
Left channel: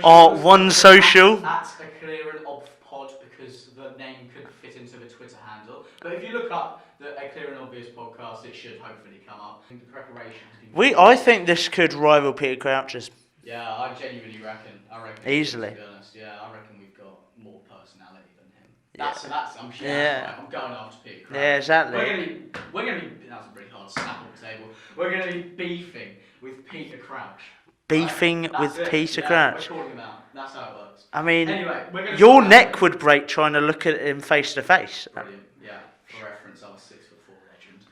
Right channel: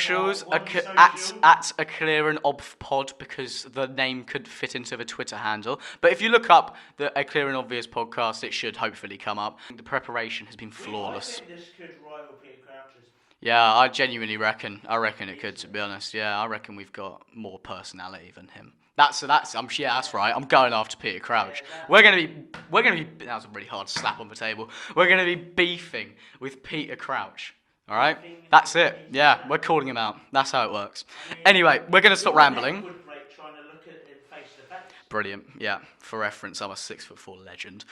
Our one social. At a clear and obv pod, because the name could fit into the Twitter handle. But if you look up a clear and obvious podcast, it should hopefully come up. The preparation has been flawless. I think this could rival Peter Crouch's. Yeah, I genuinely reckon. I reckon easily. It could, to be honest. Yeah, I reckon we've got more personality than him. That's right. I'm going after Peter Crouch. Yeah, exactly. We're gonna be. That was a really hard slap on the table. We're gonna be beefing with Peter Crouch. Beefing right? with Peter Crouch. Crouch. We're calling him out. That's how it works. I mean, anyway, we're gonna. Your stop neck would break trying to look at him face to face. Brilliant. Yeah. For reference, I'm a 6'4" legend.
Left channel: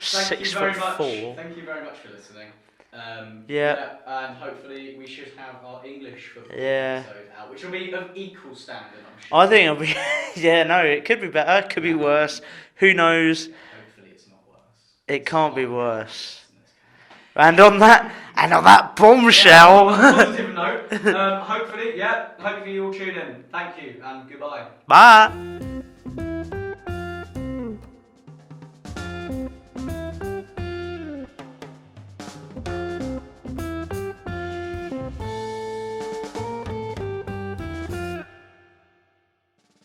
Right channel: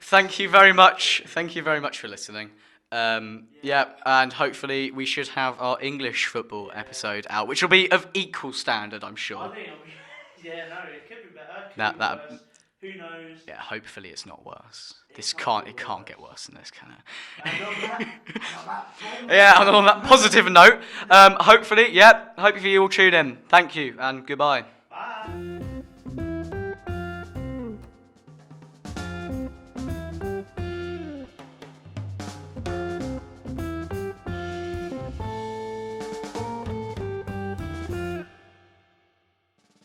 Thank you very much. Thank you very much for listening. And hopefully we should have our English football episode out, which will be of equal standard, I'm sure. I think it'll be. It could be better. It could be worse. Who knows? Yeah, hopefully it's not worse. It can't be worse. It can't be worse than this, can it? And on that bombshell. On that positive note, hopefully you all tune in. Thank you and goodbye. Bye.